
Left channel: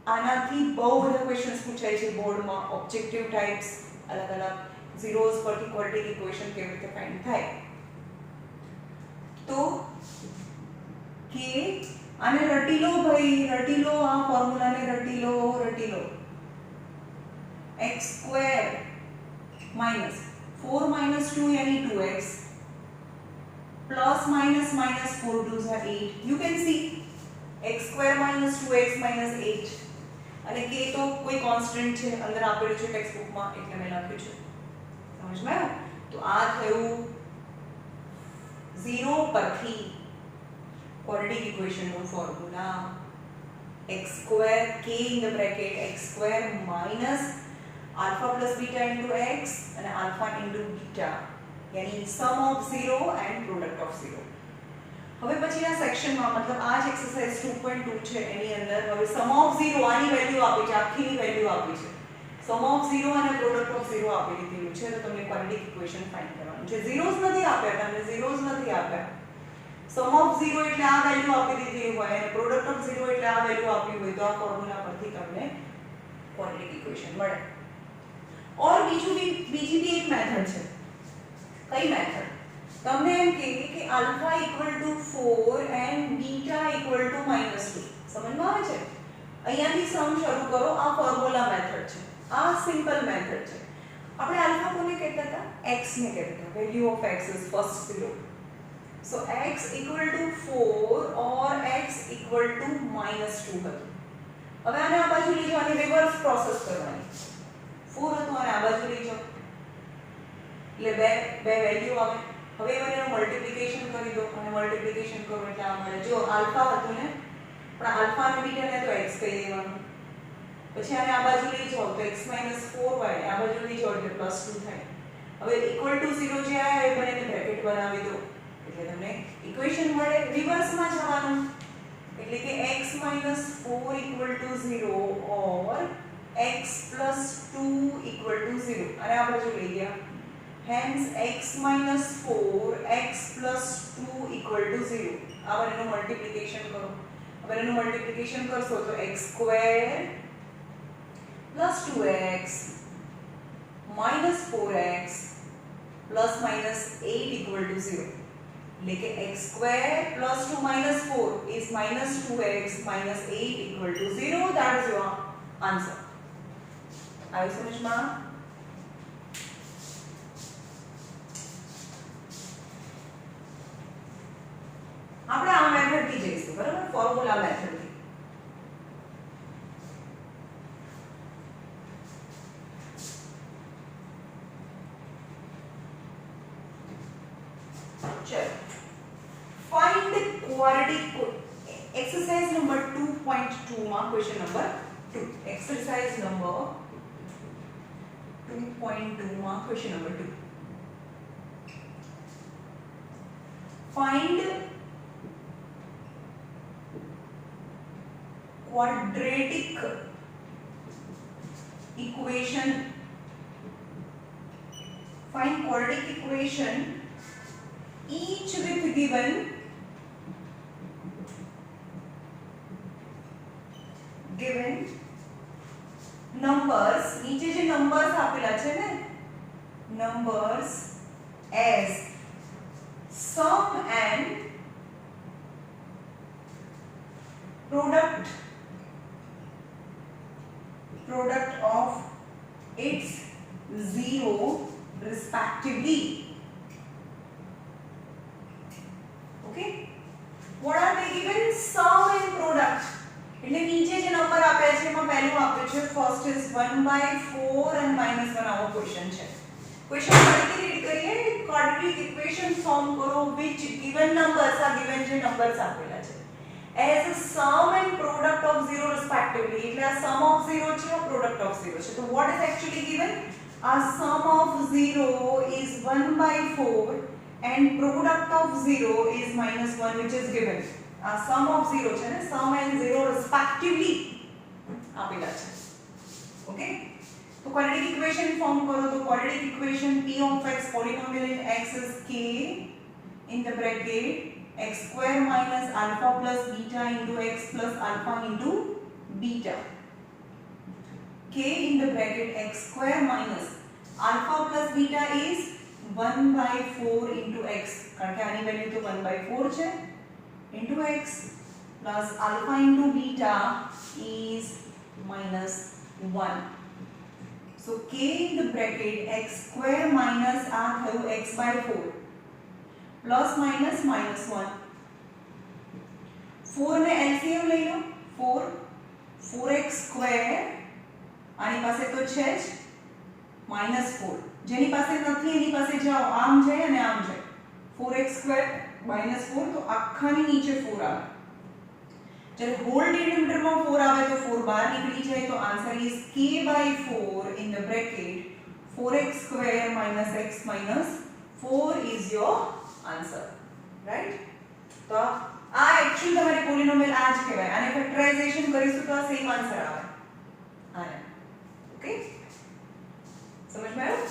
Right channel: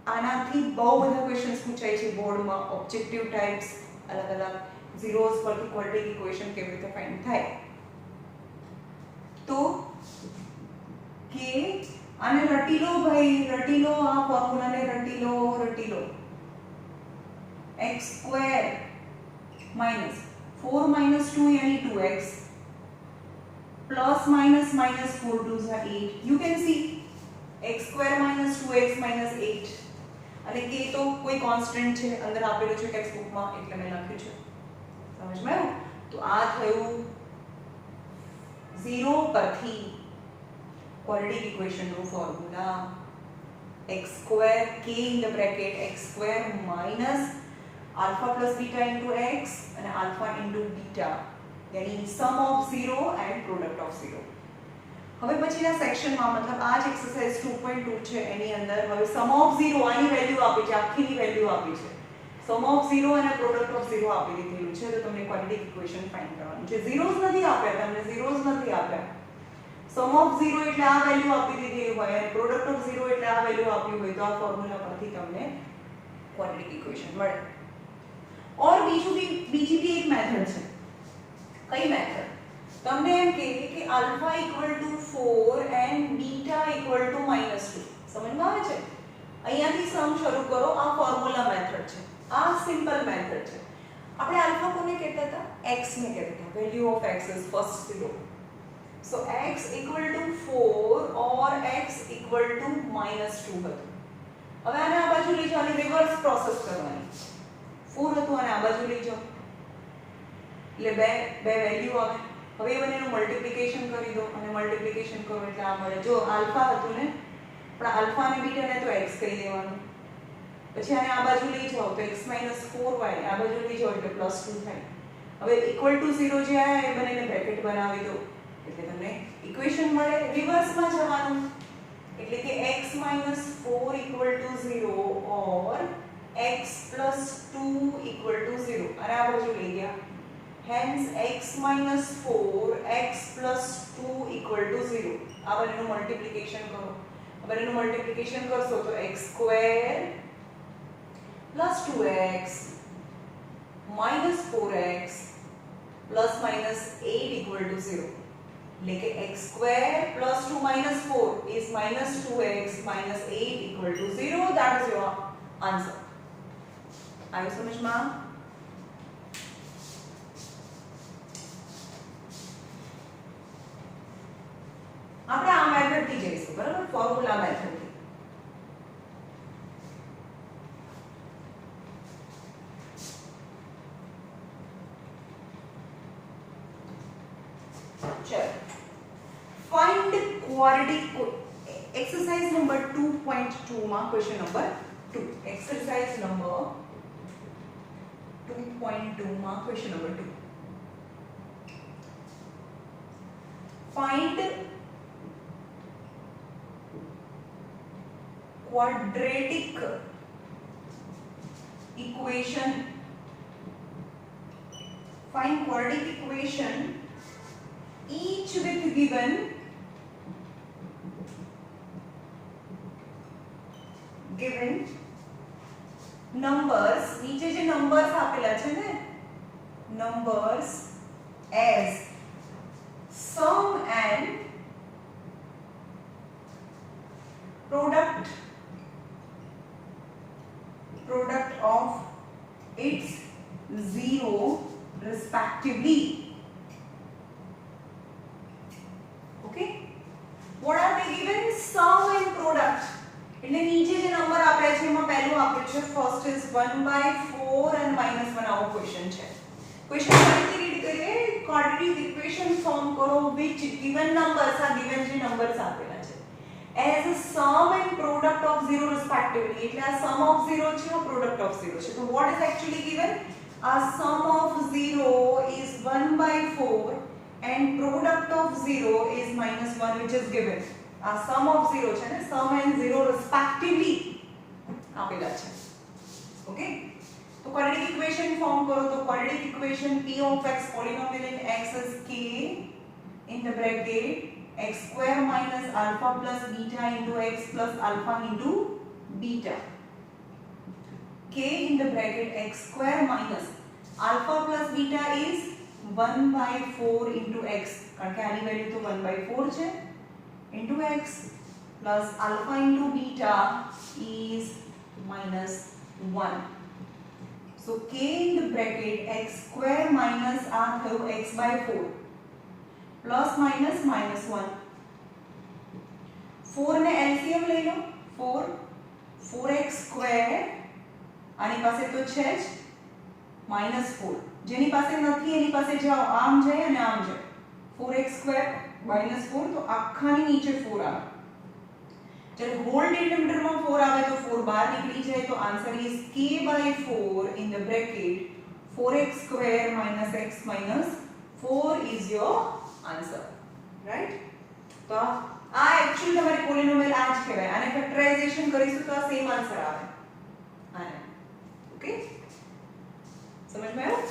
આનાથી બહુ બધા ક્વેશ્ચન્સ પૂછાય છે બોર્ડમાં ઓબ્જેક્ટિવ ટાઇપ્સ અલગ અલગ zeros પરથી ક્વોડ્રેટિક ઇક્વેશન કેવી રીતે ફાઇન્ડ થાય તો કે આને રટી લો ભાઈ રટી લો આ ફોર્મ્યુલાને રટી લો x square minus 4 minus 2 यानी 2x plus minus minus 4 2s are 8 you can see x square minus 2x minus 8 અને k તો કોઈ કોન્સ્ટન્ટ છે અંદર આપેલું છે ટેક્સ્ટ બુકમાં એટલે મેં લખ્યું છે સમજમાં આવ્યું તો આ થયું 0 પરથી ક્વોડ્રેટિક ઇક્વેશનનું formula x square k in the bracket x square minus alpha plus beta into x and alpha into beta यानी sum of 0 and product of 0 હવે પછીના સેક્શનમાં મતલબ આ જ એક્સરસાઇઝ 2.2 છે એની અંદર હવે sum of 0 આની વેલ્યુ આપી છે આખીની વેલ્યુ આપી છે sum of 0 અને product of 0 આપી દીધેલું છે તો તમને ક્વોડ્રેટિક ઇક્વેશન ફાઇન્ડ કરવાનું છે zeros નથી આપ્યા તમને zeros નથી આપ્યા sum of 0 એટલે આ વેલ્યુ આપી દીધી હોય અને product of 0 એટલે આ વેલ્યુ આપી હોય તો આ ફોર્મ્યુલા પરથી તમને ક્વોડ્રેટિક ઇક્વેશન મળે और બીજી भी एक मेथड છે કઈ મેથડ તમને એમ કે alpha equal to 4 and beta equal two -2 સમજમાં આવે છે અહીંયાથી સમ શરૂ કરો આ ફોર્મ્યુલા મેથડ છે આ સિમ્પલ મેથડ છે આપણે આલ્ફા કોને કહેતા હતા x ને કહેતા હતા value of x is first 0 so x equal two 4 or x equal two -2 હતું હવે આને આ બાજુ લઈ જવાની રિવર્સ પ્રોસેસ કરવાની 4 હતું અને આ બાજુ લઈ જાઓ એટલે બે વેલ્યુ આવે હવે એ બંનેનું મલ્ટીપ્લિકેશન કરી દો અને મલ્ટીપ્લિકેશન કરો એટલે આ મળે જો આલ્ફા હતું ને પણ આલ્ફા અને બીટાને તો x કહી દેવાનું પછી આને આ બાજુ લઈ જાઓ તો x 4y આ બાજુ લઈ જાઓ એટલે +2 થાય હવે ઇક્વલ ટુ 0 જે આયા એ બંનેને બ્રેકેટ બનાવી દો એટલે તમને ઇક્વેશન મળે રિવર્સમાં જવાનું એટલે કે x 4 0 or x plus 2 equal to 0 અને આ બાજુ લઈ ગયા hence x minus 4 x plus 2 equal to 0 આ બંનેનું મલ્ટીપ્લિકેશન કરો આ બંનેનું મલ્ટીપ્લિકેશન કરશો તો x square plus 2x minus 4x plus minus 8 equal to 0 એટલે કે x square plus 2 minus 4 is minus 2x minus 8 equal to 0 that is your answer આયો સમજમાં આપણે આ મેથડ થી જઈશું બરાબર ફોર્મ્યુલા મેથડ થી 2.2 માં ક્વેશ્ચન નંબર 2 એક્સરસાઇઝ નંબર 2.2 માં question number 2 find quadratic equation each with given numbers નીચે જે numbers આપેલા છે ને numbers as sum and product of its zero respectively. Okay, what are they given? Sum and product. એટલે નીચે જે number આપે છે એમાં પહેલું આપે છે ફર્સ્ટ ઇઝ 1/4 and -1 આવો ક્વેશ્ચન છે. ક્વેશ્ચન ફરીથી રીડ કરીએ. ક્વાડ્રેટિક ઇક્વેશન ફોર્મ કરો which given numbers આ given જે નંબર્સ આપેલા છે as a sum and product of zero respectively. એટલે આ sum of zero છે આ product of zero છે. તો what is actually given? A sum of 0 is 1/4 and product of 0 is -1 which is given. A sum of 0 છે ને sum and 0 respectively આપેલા છે. ઓકે, તો quadratic equation ફોર્મ કરો. તો quadratic equation p of x polynomial in x is k in the bracket x square minus alpha plus beta into x plus alpha into beta. K in the bracket x square minus alpha plus beta is 1/4 into x કારણ કે આની value તો 1/4 છે into x plus alpha into beta is -1. So k in the bracket x square minus આ થયું x/4 plus minus -1. 4 ને LCM લઈ લો. 4x square આની પાસે તો છે જ -4. જેની પાસે નથી એની પાસે જાઓ આમ જાય અને આમ જાય. 4x square -4 તો આખાની નીચે 4 આવે. જ્યારે હોલ ડિનોમિનેટરમાં 4 આવે તો 4 બહાર નીકળી જાય. તો answer is k/4 in the bracket 4x square minus x minus 4 is your answer, right? તો આ એક્ચ્યુઅલી તમારી પોલિનોમિયલ આ જ કહેવાય. આને ફેક્ટરાઇઝેશન કરીશું તો આ સેમ આન્સર આવે આને. ઓકે, સમજ માં આવ્યું?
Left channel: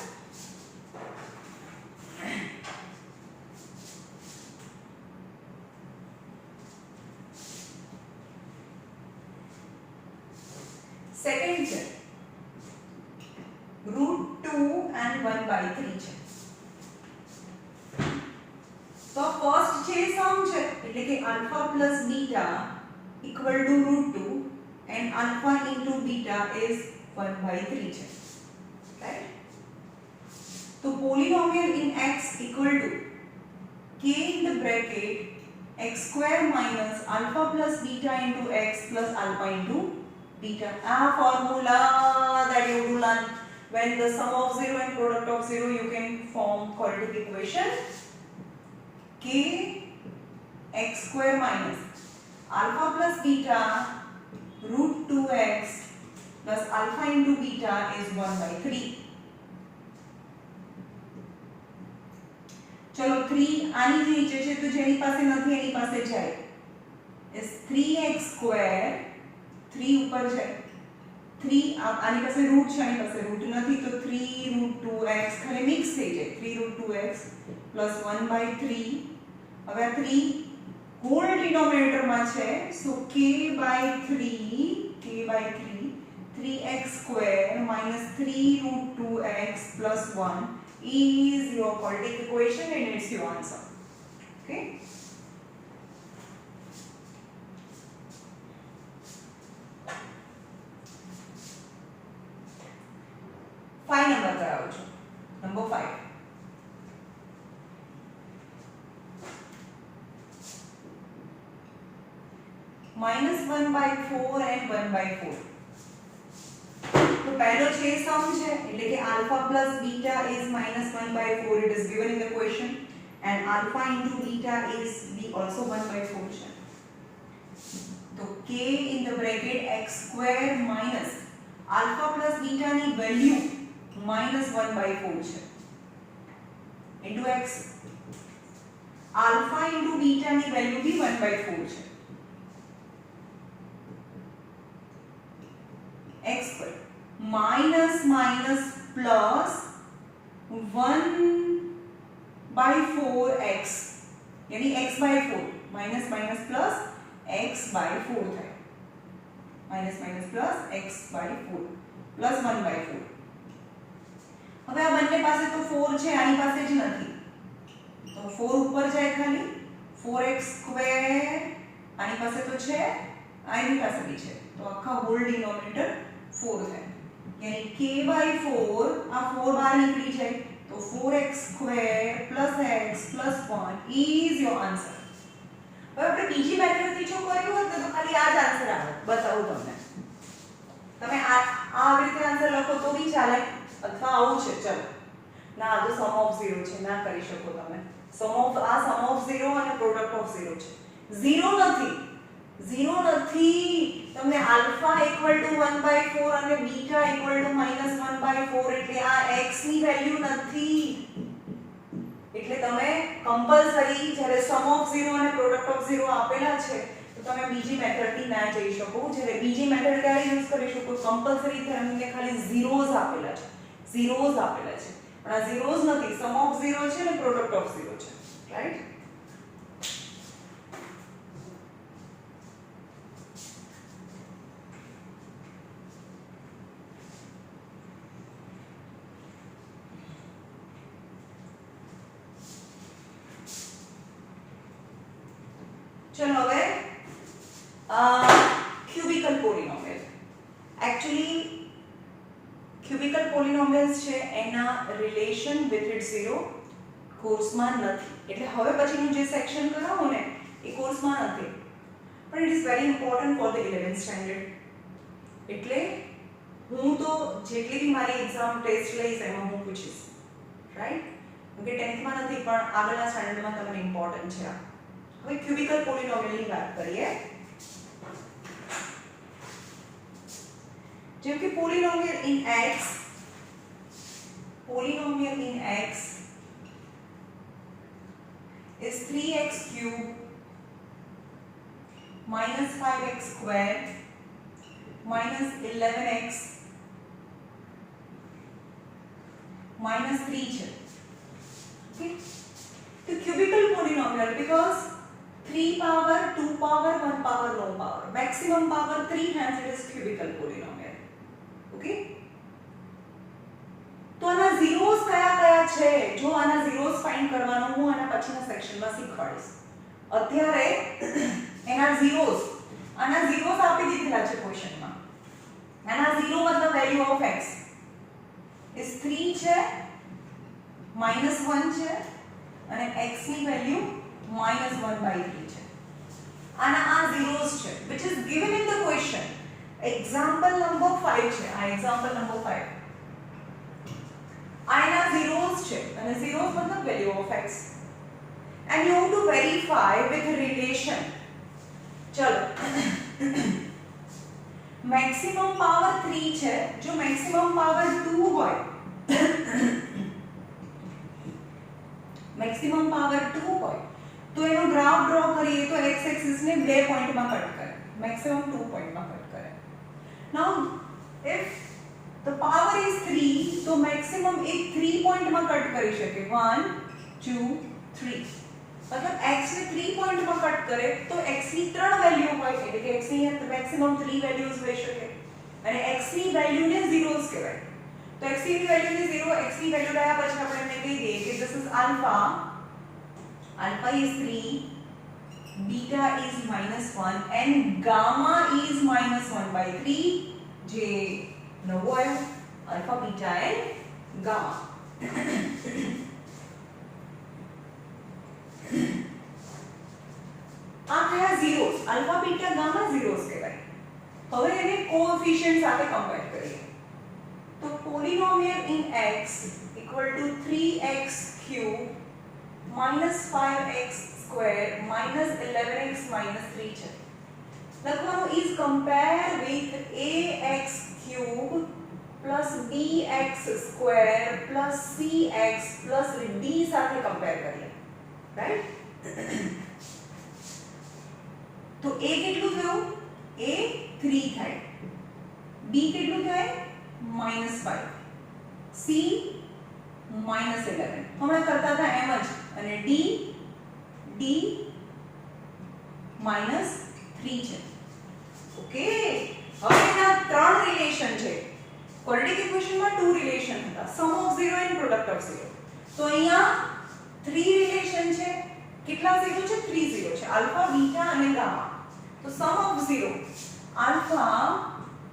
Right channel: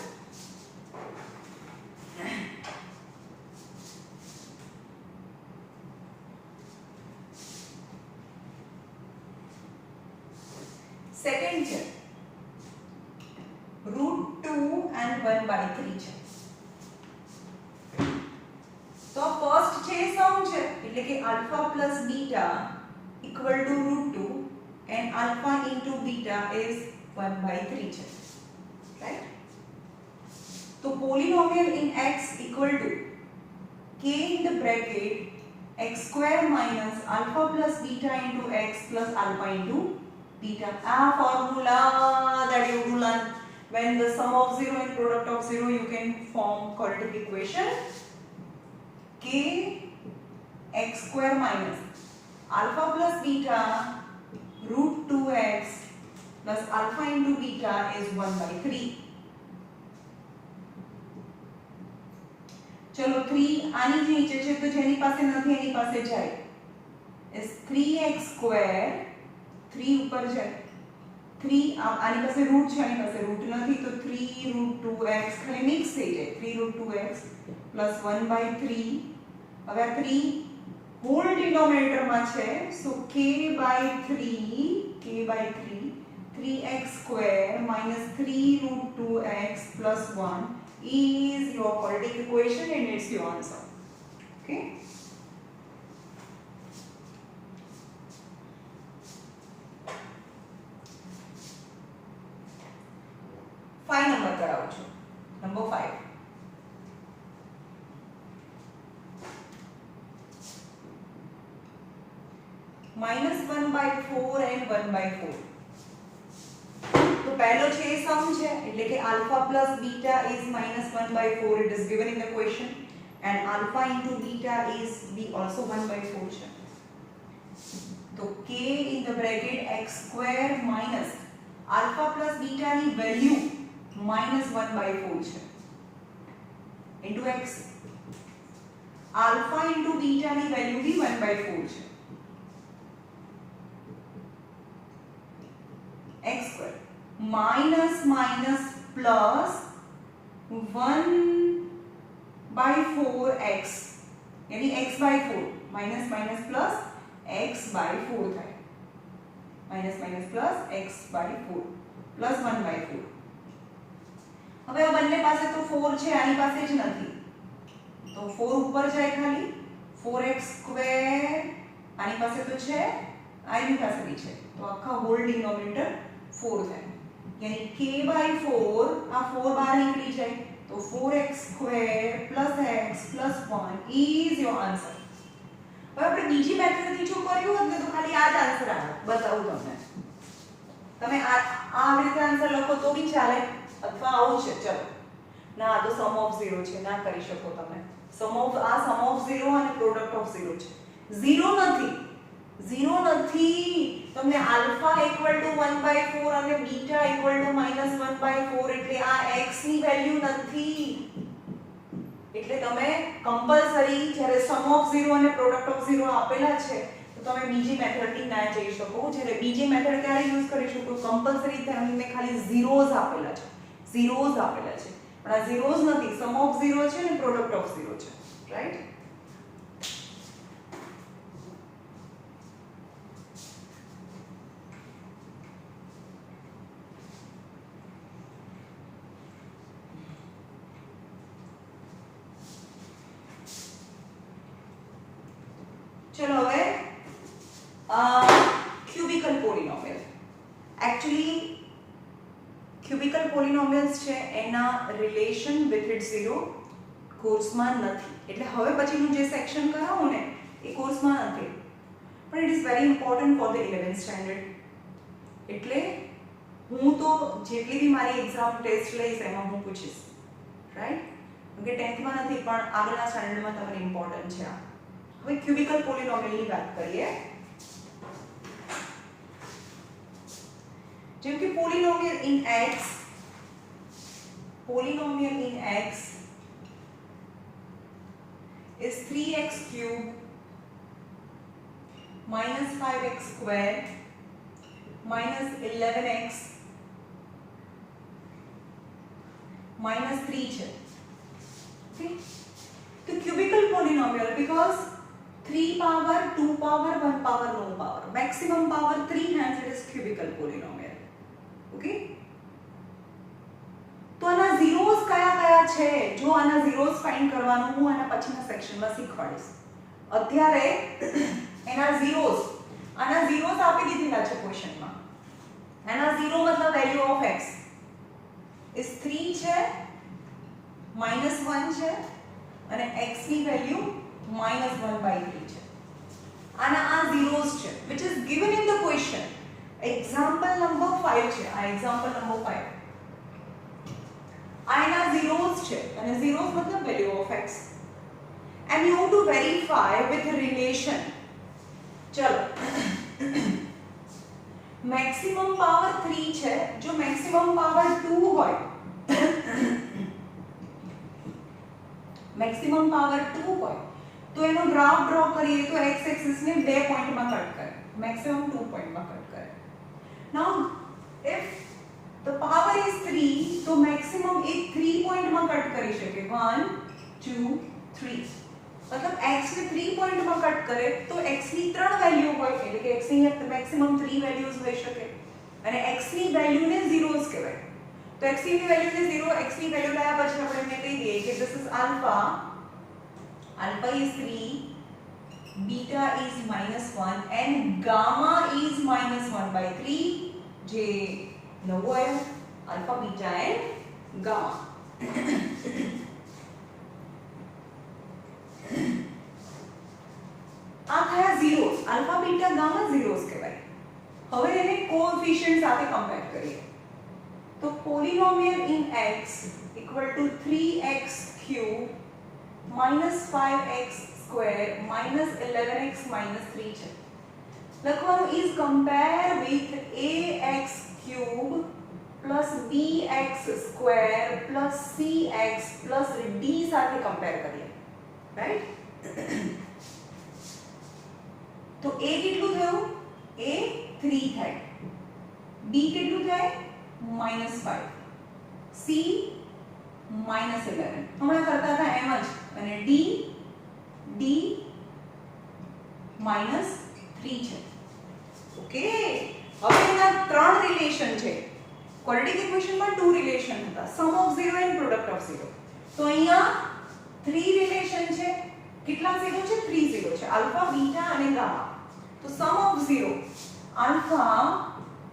સેકન્ડ છે √2 and 1/3 છે. તો ફર્સ્ટ છે સમ છે એટલે કે alpha plus beta equal to √2 and alpha into beta is 1/3 છે, right? તો polynomial in x equal to k in the bracket x square minus alpha plus beta into x plus alpha into beta. Formula that you do learn when the sum of 0 and product of 0 you can form quadratic equation. K x square minus alpha plus beta √2x plus alpha into beta is 1/3. चलो 3 આની જે નીચે છે તો જેની પાસે નથી એની પાસે જાય is 3x square 3 ઉપર છે 3 આની પાસે રૂટ છે આની પાસે રૂટ નથી તો 3√2x ખાલી મિક્સ થઈ જાય 3√2x plus 1/3. હવે આ 3 હોલ ડિનોમિનેટર માં છે સો k/3 3x square minus 3√2x plus 1 is your quadratic equation and it's your answer. Okay, five number कराओ છો. Number 5 -1/4 and 1/4. तो पहलो छे सम છે એટલે કે alpha plus beta is -1/4. It is given in the question and alpha into beta is also 1/4 છે. તો k in the bracket x square minus alpha plus beta ની વેલ્યુ -1/4 છે into x, alpha into beta ની value બી 1/4 છે, x square minus minus plus 1/4x यानी x/4 minus minus plus x/4 થાય, minus minus plus x/4 plus 1/4. હવે આ બંને પાસે તો 4 છે, આની પાસે જ નથી, તો 4 ઉપર જાય ખાલી 4x સ્ક્વેર, આની પાસે તો છે, આની પાસે બી છે, તો આખા હોલ ડિનોમિનેટર 4 થાય, यानी k/4 આ 4 બહાર નીકળી જાય, તો 4x square plus x plus 1 is your answer. હવે આપણે બીજી મેથડથી જો કર્યું હોત ને તો ખાલી આ જ આન્સર આવે, બતાવું તમને, તમે આ રીતે આન્સર લખો તો બી ચાલે, અથવા આવું છે, ચલો ના આ તો સમ ઓફ 0 છે, ના કરી શકો તમે, સમ ઓફ 0 અને પ્રોડક્ટ ઓફ 0 છે, 0 નથી, તમને આલ્ફા ઇક્વલ ટુ 1/4 અને બીટા ઇક્વલ ટુ -1/4, એટલે આ x ની વેલ્યુ નથી, એટલે તમે કમ્પલસરી જ્યારે સમ ઓફ 0 અને પ્રોડક્ટ ઓફ 0 આપેલા છે તો તમે બીજી મેથડથી ના જઈ શકો, જ્યારે બીજી મેથડ ક્યારે યુઝ કરી શકો, કમ્પલસરી તમને ખાલી ઝીરોઝ આપેલા છે, પણ આ ઝીરોઝ નથી, સમ ઓફ 0 છે ને પ્રોડક્ટ ઓફ 0 છે, રાઈટ? चलो હવે ક્યુબિકલ પોલિનોમિયલ, एक्चुअली ક્યુબિકલ પોલિનોમિયલ્સ છે એના રિલેશન વિથ ઇટ 0 કોર્સમાં નથી, એટલે હવે પછીનું જે સેક્શન કરાવું ને એ કોર્સમાં નથી, પણ it is very important for the 11th standard, એટલે હું તો જેટલી બી મારી એક્ઝામ ટેસ્ટ લઈશ એમાં હું પૂછીશ, રાઈટ? કેમ કે 10th માં નથી પણ આગળના સ્ટાન્ડર્ડમાં તમને ઇમ્પોર્ટન્ટ છે આ. હવે ક્યુબિકલ પોલિનોમિયલની વાત કરીએ, જેમ કે પોલિનોમિયલ in x is 3x cube minus 5x square minus 11x minus 3 છે, okay? તો ક્યુબિકલ પોલિનોમિયલ because 3 power, 2 power, 1 power, no power, maximum power 3, hence it is cubical polynomial, okay? તો આના ઝીરોઝ કયા છે, જો આના ઝીરોઝ ફાઇન્ડ કરવાનું હું આના પછીના સેક્શનમાં શીખવાડીશ, અત્યારે આના ઝીરોઝ આપી દીધેલા છે ક્વેશ્ચનમાં, આના ઝીરો મતલબ વેલ્યુ ઓફ x is 3 છે, -1 છે અને x ની વેલ્યુ -1/3 છે, આના આ ઝીરોઝ છે which is given in the question. example number 5 છે, આ example number 5, આના ઝીરોઝ છે અને ઝીરોઝ મતલબ value of x and you have to verify with relation. ચલો maximum power 3 છે, જો maximum power 2 હોય maximum power 2 હોય તો એનો ગ્રાફ ડ્રો કરીએ તો x એક્સિસ ને 2 પોઈન્ટમાં કટ કરે, maximum 2 પોઈન્ટમાં કટ કરે. now if the power is 3 તો maximum એ 3 પોઈન્ટમાં કટ કરી શકે, 1 2 3, मतलब x ને 3 પોઈન્ટમાં કટ કરે તો x ની 3 વેલ્યુ હોય, એટલે કે x ની maximum 3 વેલ્યુઝ હોઈ શકે અને x ની વેલ્યુ ને ઝીરોઝ કહેવાય. તો x ની વેલ્યુ ને 0, x ની વેલ્યુ લાયા પછી આપણે એમને કહી દઈએ કે this is alpha is 3, beta is -1 and gamma is -1/3, જે નવો આવ્યો alpha, beta and gamma. આ થયા ઝીરોઝ, alpha, beta, gamma ઝીરોઝ કહેવાય. હવે એને કોએફિશિયન્ટ સાથે કમ્પેર કરીએ તો પોલિનોમિયલ in x equal to 3x cube minus 5x square minus 11x minus 3 છે. લખવાનું is compare with ax cube plus bx square plus cx plus d સાથે કમ્પેર કરીએ, રાઈટ? તો a કેટલું થયું? a 3 થાય, b કેટલું થાય? -5, c -11. હમણાં કરતા હતા એમ જ, અને d -3 છે. ઓકે, હવે એના ત્રણ રિલેશન છે. ક્વોડ્રેટિક ઇક્વેશનમાં 2 રિલેશન હતા, સમ ઓફ 0 એન્ડ પ્રોડક્ટ ઓફ 0. તો અહીંયા 3 રિલેશન છે. કેટલા 0 છે? 3 0 છે, આલ્ફા, બીટા અને ગામા. તો sum of 0 alpha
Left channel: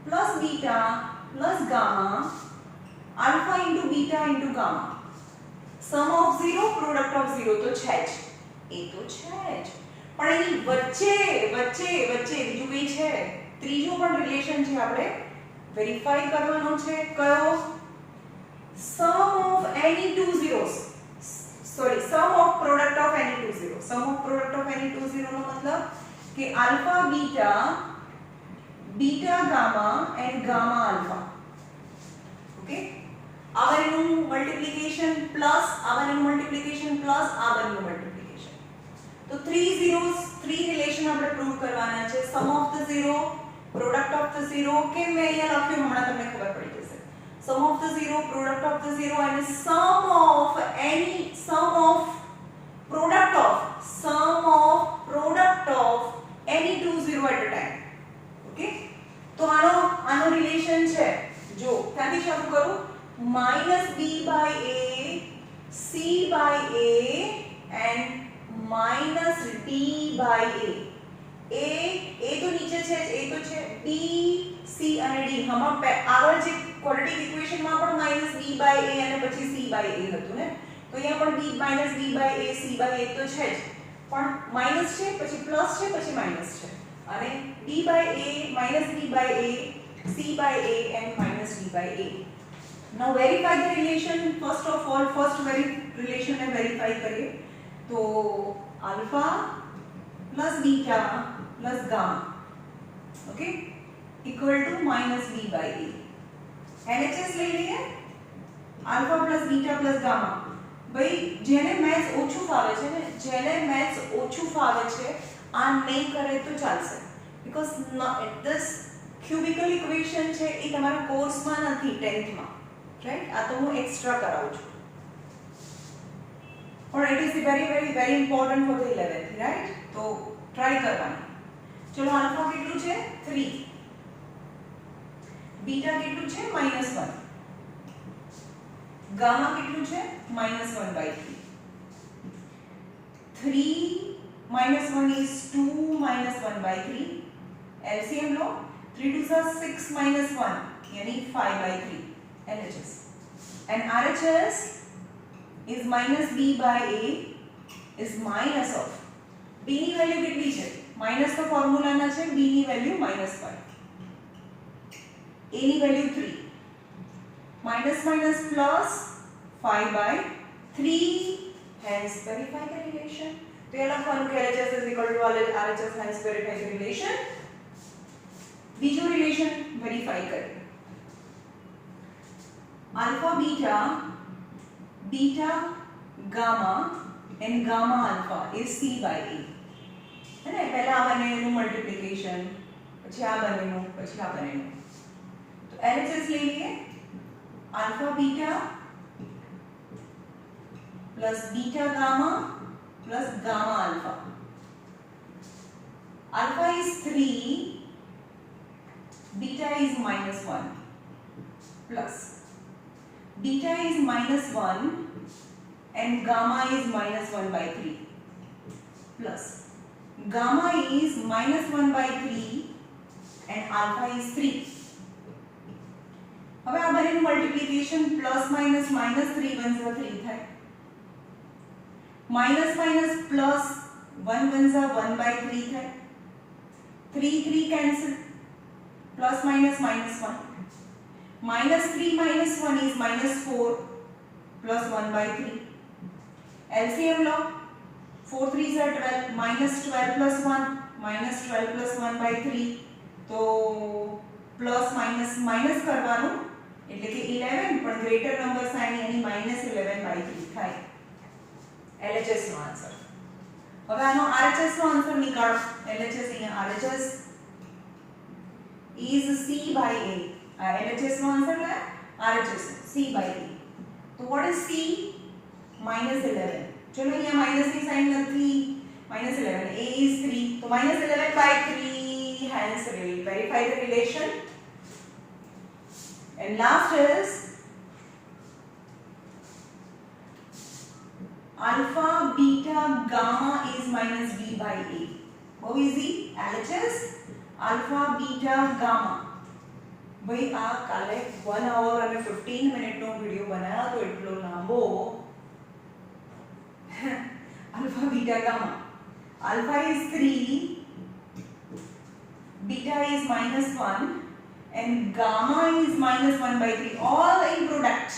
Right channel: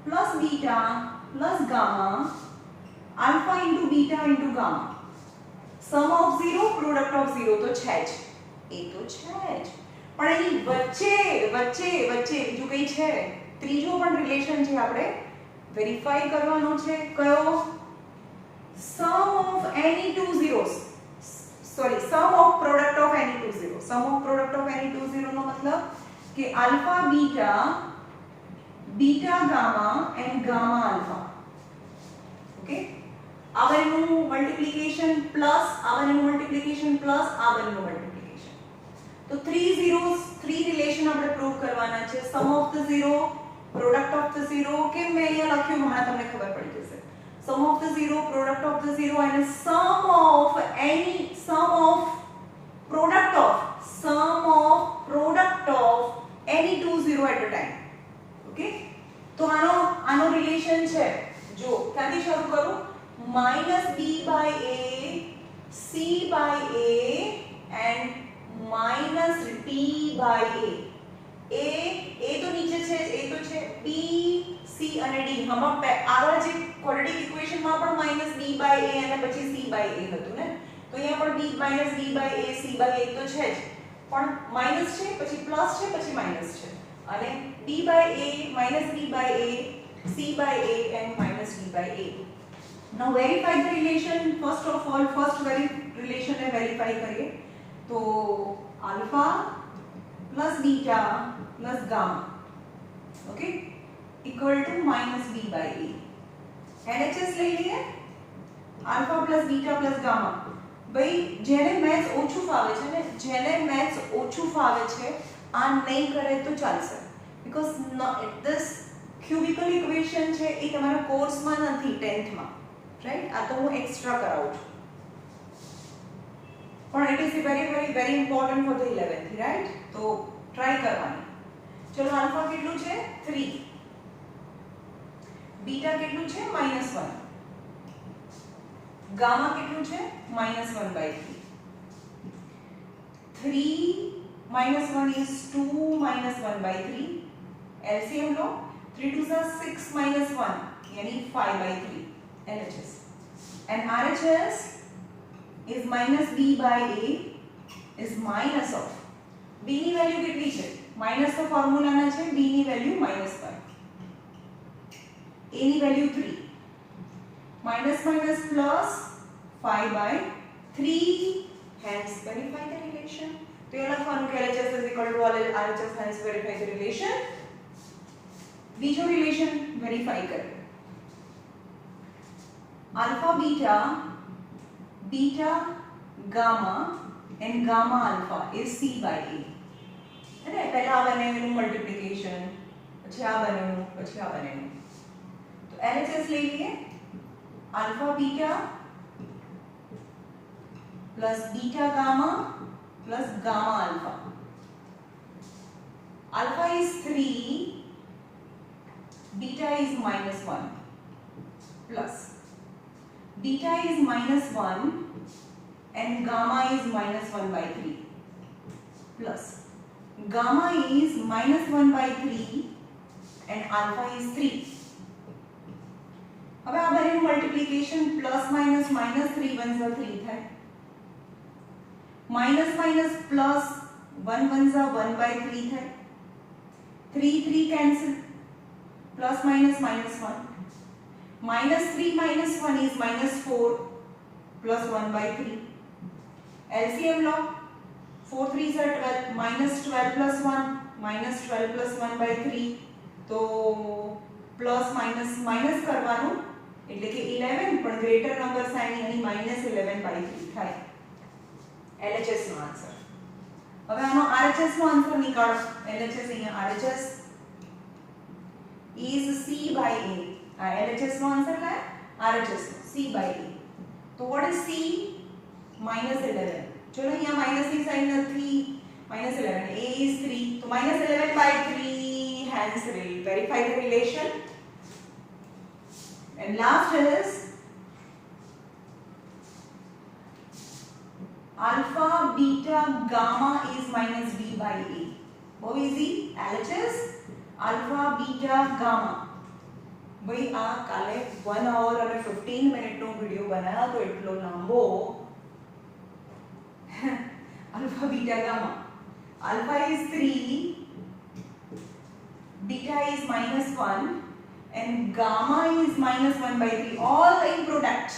plus beta plus gamma, alpha into beta into gamma. Sum of 0 product of 0 તો છે જ, એ તો છે જ, પણ એની વચ્ચે બીજું કઈ છે? ત્રીજો પણ રિલેશન છે, આપણે વેરીફાઈ કરવાનો છે. કયો? Sum of any two zeros, sorry, sum of product of any two zero. Sum of product of any two zero નો મતલબ કે alpha beta, beta gamma and gamma alpha. Okay, આ બંનેનું મલ્ટીપ્લિકેશન પ્લસ આ બંનેનું મલ્ટીપ્લિકેશન પ્લસ આ બંનેનું multiplication. તો 3 zeros, 3 રિલેશન આપણે પ્રૂવ કરવાના છે. Sum of the 0, product of the 0, કે મેં અહીંયા લખ્યું, હમણાં તમને ખબર પડી જશે. Sum of the 0, product of the 0 અને sum of any, sum of product of any two 0 at a time. Okay, તો આનો રિલેશન છે, જો ક્યાંથી શરૂ કરું? -b/a, c/a and -d/a. a તો નીચે છે, a તો છે, b, c અને d. હમણાં આગળ જે ક્વોડ્રેટિક ઇક્વેશનમાં પણ -b/a અને પછી c/a હતું ને, તો અહીંયા પણ -b/a, c/a તો છે જ, પણ માઈનસ છે, પછી પ્લસ છે, પછી માઈનસ છે, અને d/a, -d/a, c/a and -d/a. Now verify the relation. First of all, relation ને વેરીફાઈ કરીએ. તો alpha plus beta plus gamma, okay, equal to -b/a. LHS લઈ લઈએ. Alpha plus beta plus gamma. ભાઈ જેને મેથ્સ ઓછું ફાવે છે ને, આ નહીં કરે તો ચાલશે, બીકોઝ ધીસ ક્યુબિકલ ઇક્વેશન છે એ તમારા કોર્સમાં નથી, 10th માં, રાઈટ? આ તો હું એક્સ્ટ્રા કરાવું છું, પણ it is very important for the 11th, right? તો ટ્રાય કરવાની. ચલો, આલ્ફા કેટલું છે? 3, બીટા કેટલું છે? -1, ગામા કેટલું છે? -1/3. 3 - 1 is 2 -1/3. LCM low. 3 2s are 6 -1 यानी 5/3. LHS and RHS is -b/a is minus of b ની વેલ્યુ કેટલી છે? માઈનસ તો ફોર્મ્યુલાના છે, b ની વેલ્યુ -5, a ની value 3, minus plus 5/3. Hence verify the relation. तो ये लखવાનું કે LHS is equal to RHS, hence verify the relation. બીજો રિલેશન વેરીફાઈ કરીએ. alpha beta, beta gamma and gamma alpha is c/a. है पहला आ बनेનું મલ્ટીપ્લિકેશન, પછી આ બનેનું, પછી આ બનેનું. તો LHS લઈ લઈએ. alpha beta plus beta gamma plus gamma alpha. Alpha is 3, beta is -1 plus beta is -1 and gamma is -1/3 plus gamma is -1/3 and alpha is 3. હવે આ બંનેનું મલ્ટીપ્લિકેશન પ્લસ માઈનસ -3 1 3 થાય, માઈનસ માઈનસ પ્લસ 1 1 1/3 થાય, 3 3 cancel, plus minus -1, -3 -1 is -4 plus 1/3. LCM low. 4 3s are 12, -12 plus 1 -12 + 1/3 તો plus minus minus કરવાનું એટલે કે 11 પણ ગ્રેટર નંબર સાઇન એની -11/3 થાય LHS નો આન્સર. હવે આનો RHS નો આન્સર નીકાળો. LHS અહીંયા RHS is C/A. આ LHS નો આન્સર લાય RHS C/A. તો what is C? -11. ચલો અહીંયા માઈનસ ની સાઇન નથી, -11. A is 3, તો -11/3. Hence verify the relation. And last is alpha, beta, gamma is -B/A. How easy? LHS alpha, beta, gamma. ભાઈ આ કાલે 1 hour અને 15 મિનિટ નો વિડિયો બનાવ્યો તો એટલો લાંબો. alpha, beta, gamma. Alpha is 3, beta is -1 and gamma is -1/3. All in product.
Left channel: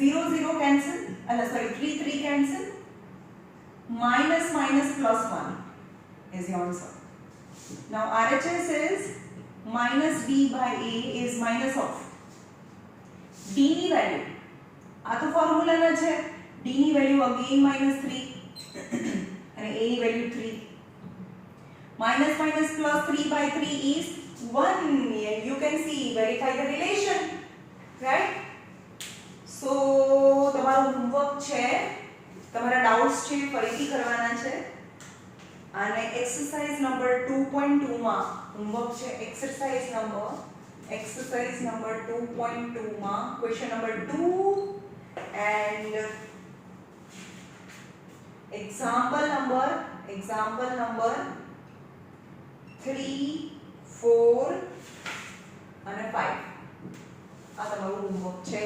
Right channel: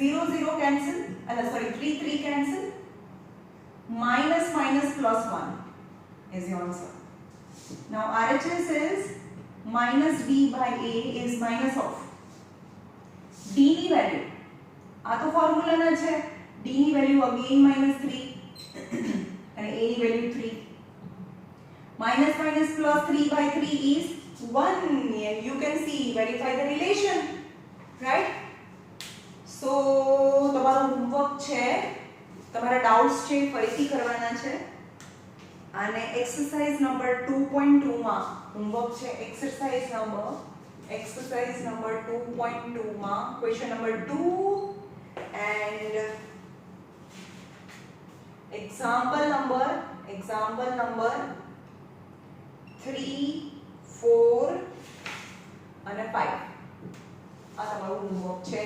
0 0 cancel. Sorry, 3 3 cancel. Minus minus plus 1 is the answer. Now RHS is -B/A is minus of D ની value. આ તો formula ના છે. D ની value again -3 અને A ની value 3. Minus minus plus 3/3 is 1 and you can see verify the relation, right? So તમારું homework છે, તમારા ડાઉટ્સ છે ફરીથી કરવાના છે અને એક્સરસાઇઝ નંબર 2.2 માં હોમવર્ક છે. એક્સરસાઇઝ નંબર 2.2 માં question number 2 and example number 3, 4 અને 5 આ તમારું હોમવર્ક છે.